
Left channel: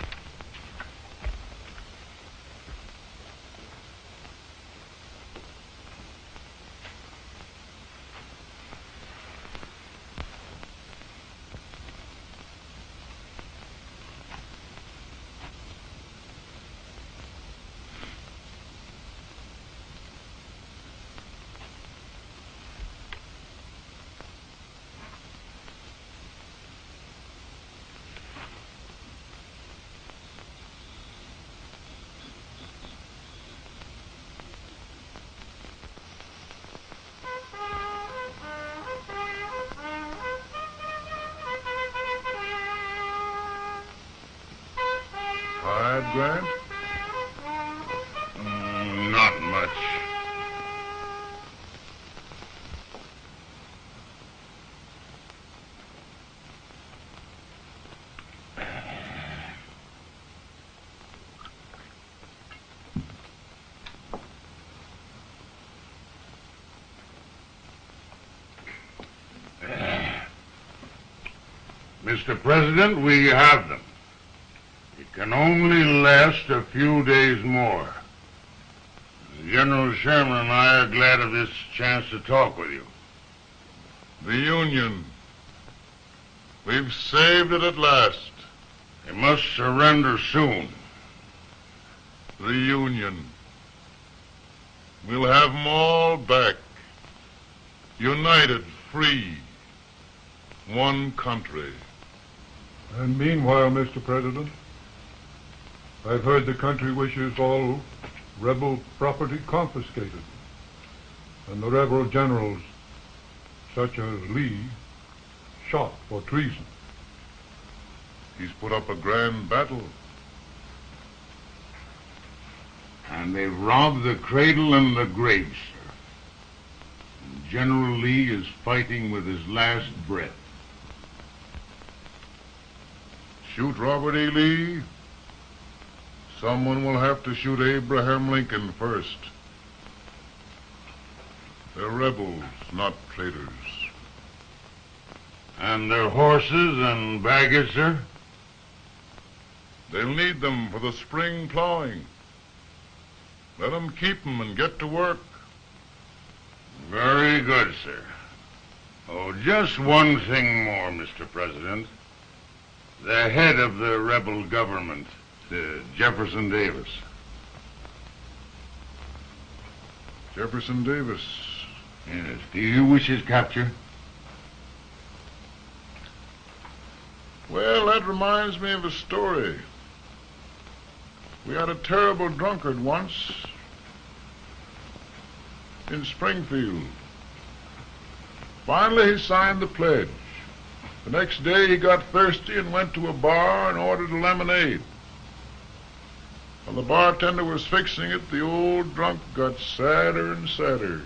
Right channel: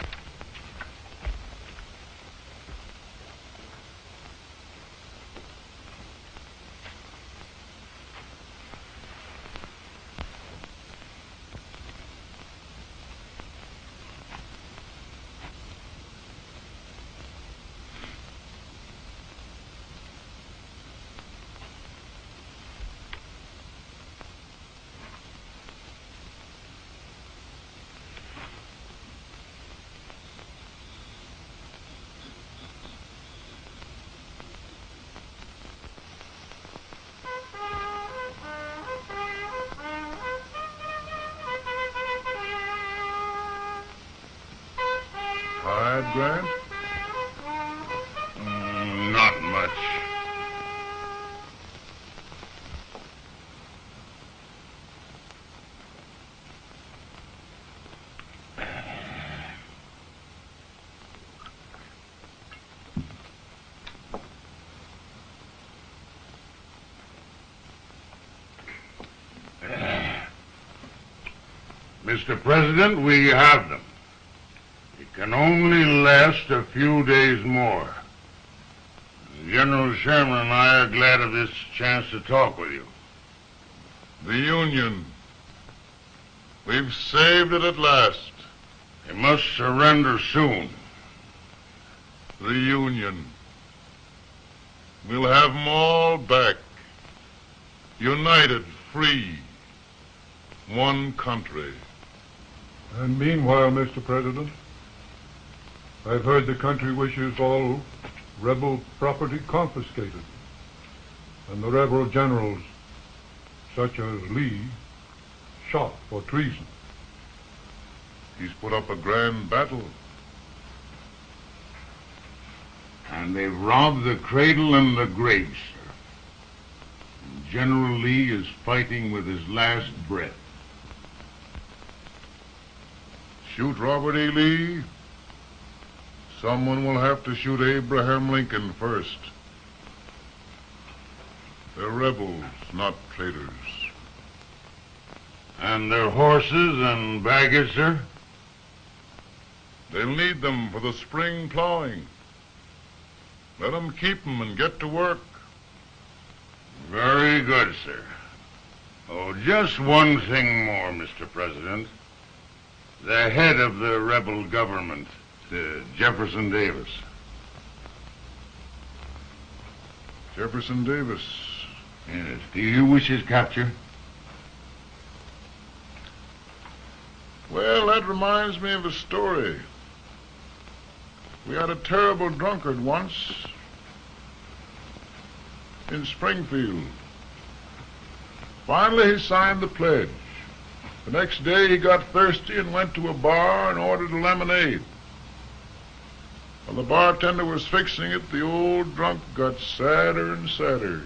Grant? Not much. Mr. President, we have them. It can only last a few days more. General Sherman and I are glad of this chance to talk with you. The Union. We've saved it at last. They must surrender soon. The Union. We'll have them all back. United, free. One country. And meanwhile, Mr. President, I've heard the country wishes all rebel property confiscated, and the rebel generals, such as Lee, shot for treason. He's put up a grand battle. And they've robbed the cradle and the grave, sir. And General Lee is fighting with his last breath. Shoot Robert E. Lee? Someone will have to shoot Abraham Lincoln first. They're rebels, not traitors. And their horses and baggage, sir? They'll need them for the spring plowing. Let them keep them and get to work. Very good, sir. Oh, just one thing more, Mr. President. The head of the rebel government, Jefferson Davis. Jefferson Davis. Yes. Do you wish his capture? Well, that reminds me of a story. We had a terrible drunkard once in Springfield. Finally, he signed the pledge. The next day, he got thirsty and went to a bar and ordered a lemonade. When the bartender was fixing it, the old drunk got sadder and sadder.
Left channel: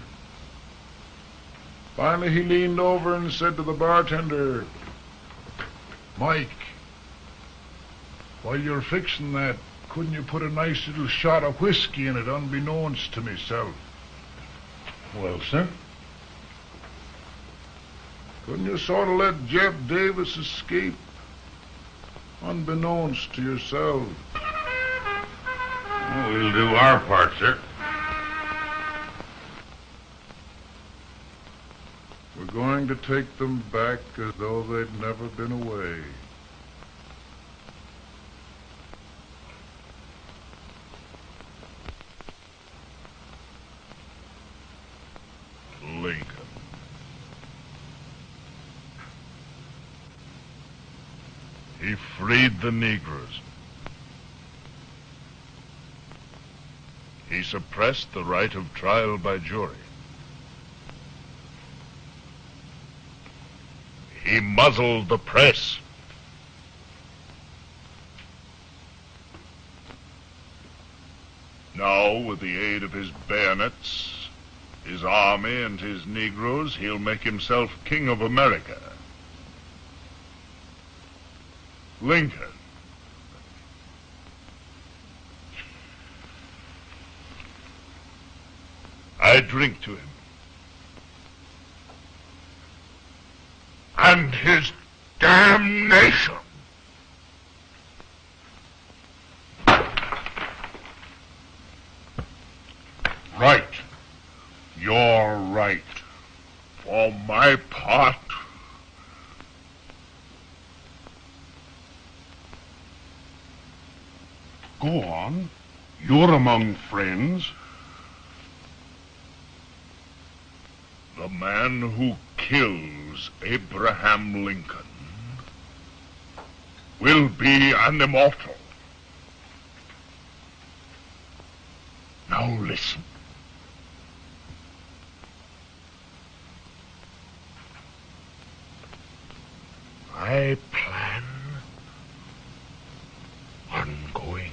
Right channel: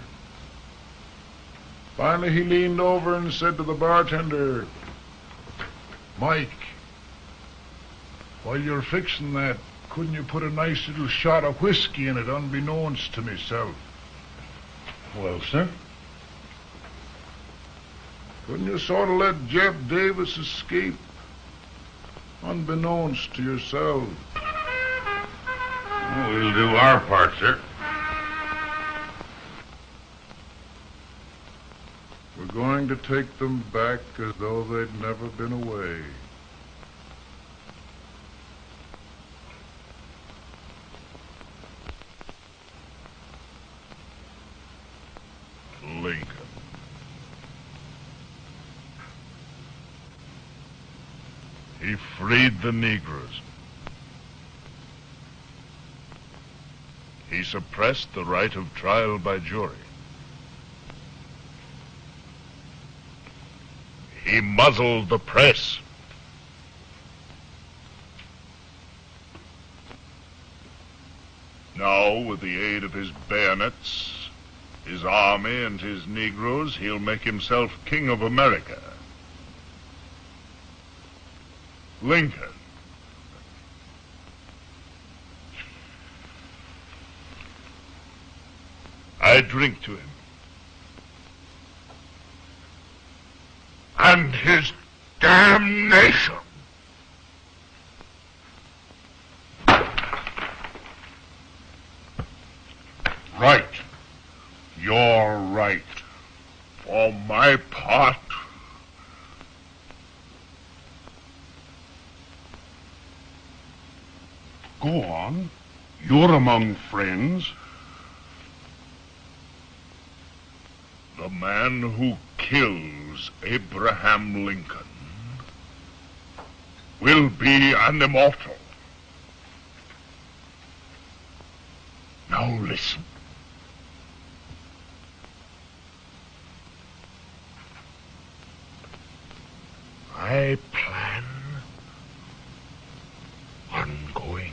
Finally, he leaned over and said to the bartender, "Mike, while you're fixing that, couldn't you put a nice little shot of whiskey in it, unbeknownst to myself?" Well, sir? Couldn't you sort of let Jeff Davis escape, unbeknownst to yourself? Well, we'll do our part, sir. We're going to take them back as though they'd never been away. Lincoln. He freed the Negroes. He suppressed the right of trial by jury. He muzzled the press. Now, with the aid of his bayonets, his army and his Negroes, he'll make himself King of America. Lincoln. I drink to him. And his damnation. Right. You're right. For my part, go on. You're among friends. The man who kills Abraham Lincoln will be an immortal. Now listen. I plan on going.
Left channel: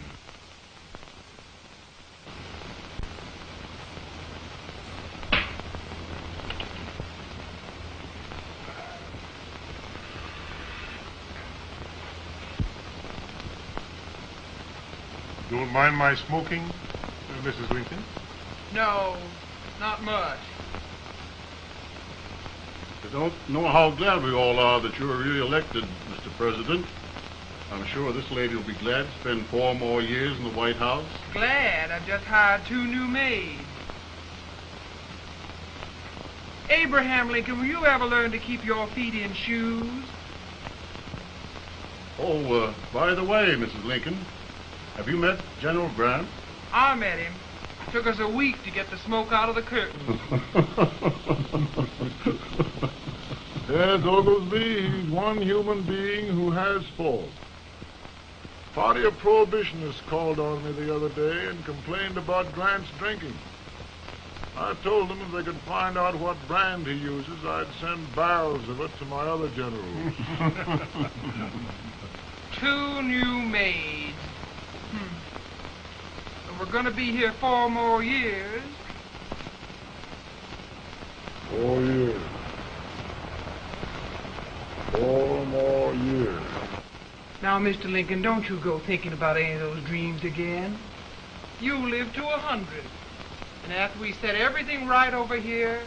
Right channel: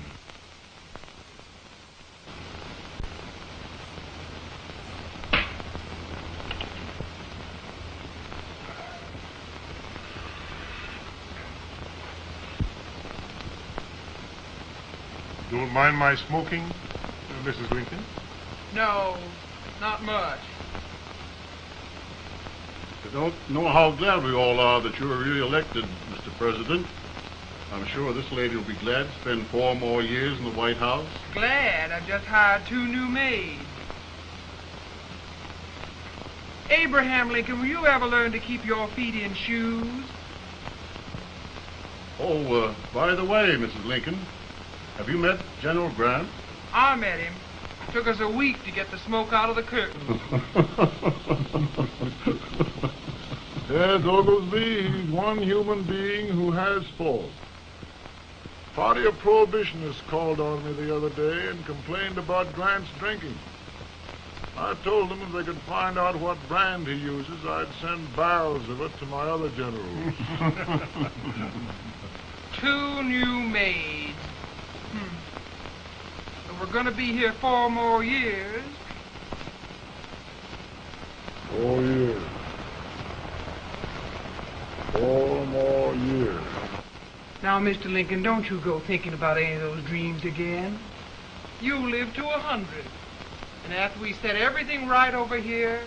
Don't mind my smoking, Mrs. Lincoln? No, not much. I don't know how glad we all are that you were re-elected, Mr. President. I'm sure this lady will be glad to spend 4 more years in the White House. Glad. I've just hired 2 new maids. Abraham Lincoln, will you ever learn to keep your feet in shoes? Oh, by the way, Mrs. Lincoln, have you met General Grant? I met him. It took us a week to get the smoke out of the curtain. Yes, Oglesby, he's one human being who has faults. Party of Prohibitionists called on me the other day and complained about Grant's drinking. I told them if they could find out what brand he uses, I'd send barrels of it to my other generals. 2 new maids. If we're going to be here 4 more years. 4 years. 4 more years. Now, Mr. Lincoln, don't you go thinking about any of those dreams again. You live to 100. And after we set everything right over here,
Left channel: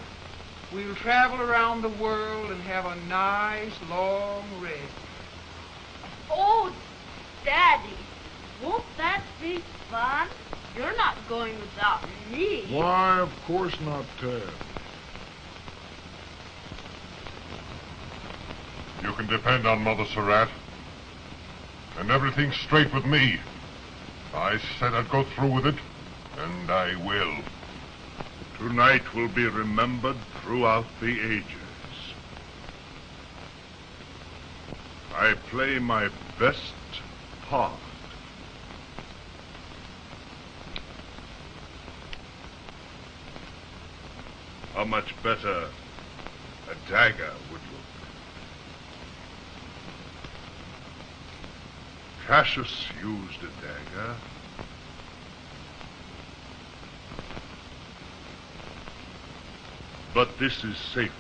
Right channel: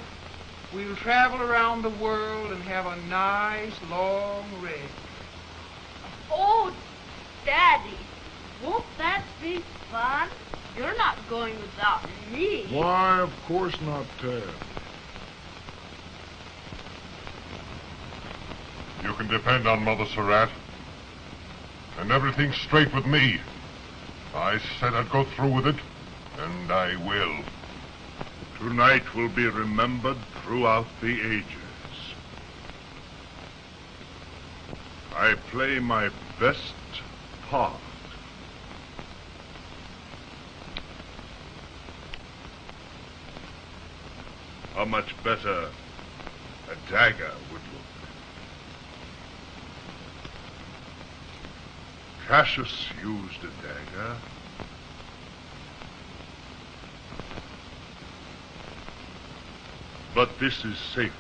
we'll travel around the world and have a nice, long rest. Oh, Daddy, won't that be fun? You're not going without me. Why, of course not, Ted. You can depend on Mother Surratt. And everything's straight with me. I said I'd go through with it, and I will. Tonight will be remembered throughout the ages. I play my best part. How much better a dagger would look. Cassius used a dagger. But this is safer.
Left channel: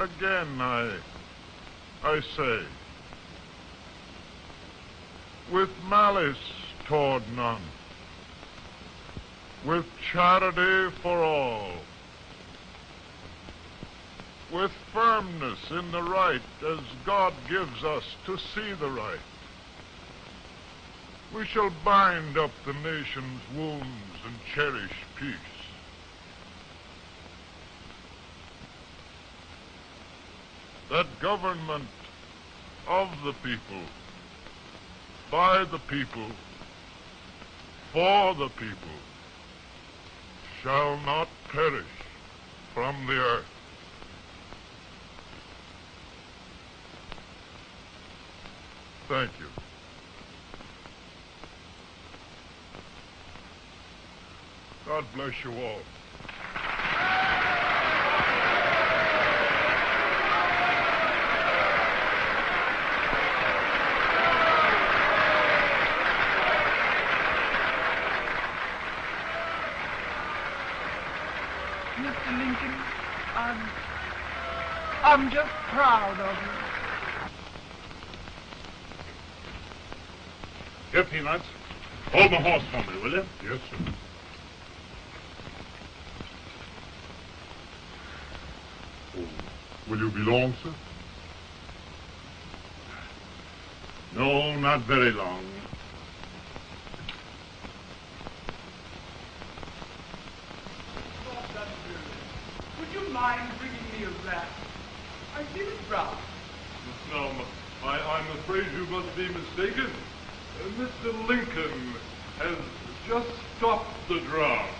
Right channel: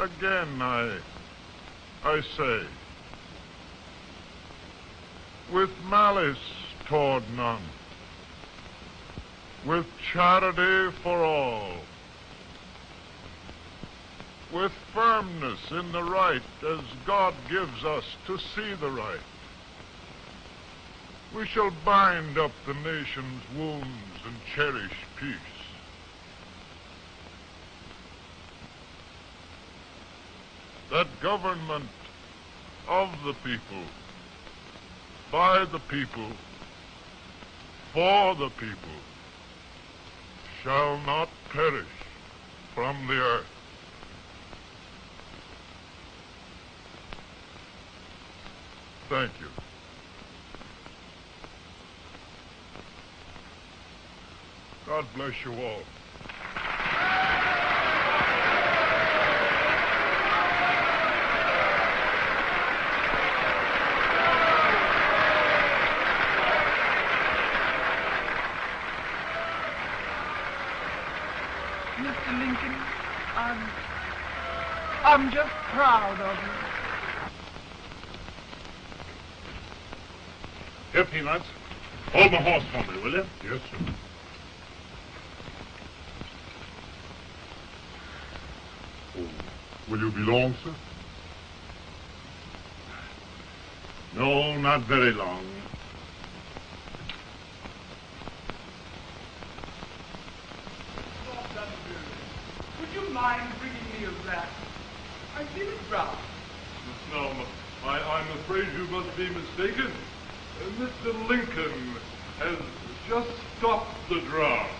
Again, I say, with malice toward none, with charity for all, with firmness in the right as God gives us to see the right. We shall bind up the nation's wounds and cherish peace. That government of the people, by the people, for the people, shall not perish from the earth. Thank you. God bless you all. Mr. Lincoln, I'm just proud of you. Here, Peanuts. Hold my horse for me, will you? Yes, sir. Oh, will you be long, sir? No, not very long. Would you mind bringing me a glass? I feel it brown. No, I'm afraid you must be mistaken. Mr. Lincoln has just stopped the draft.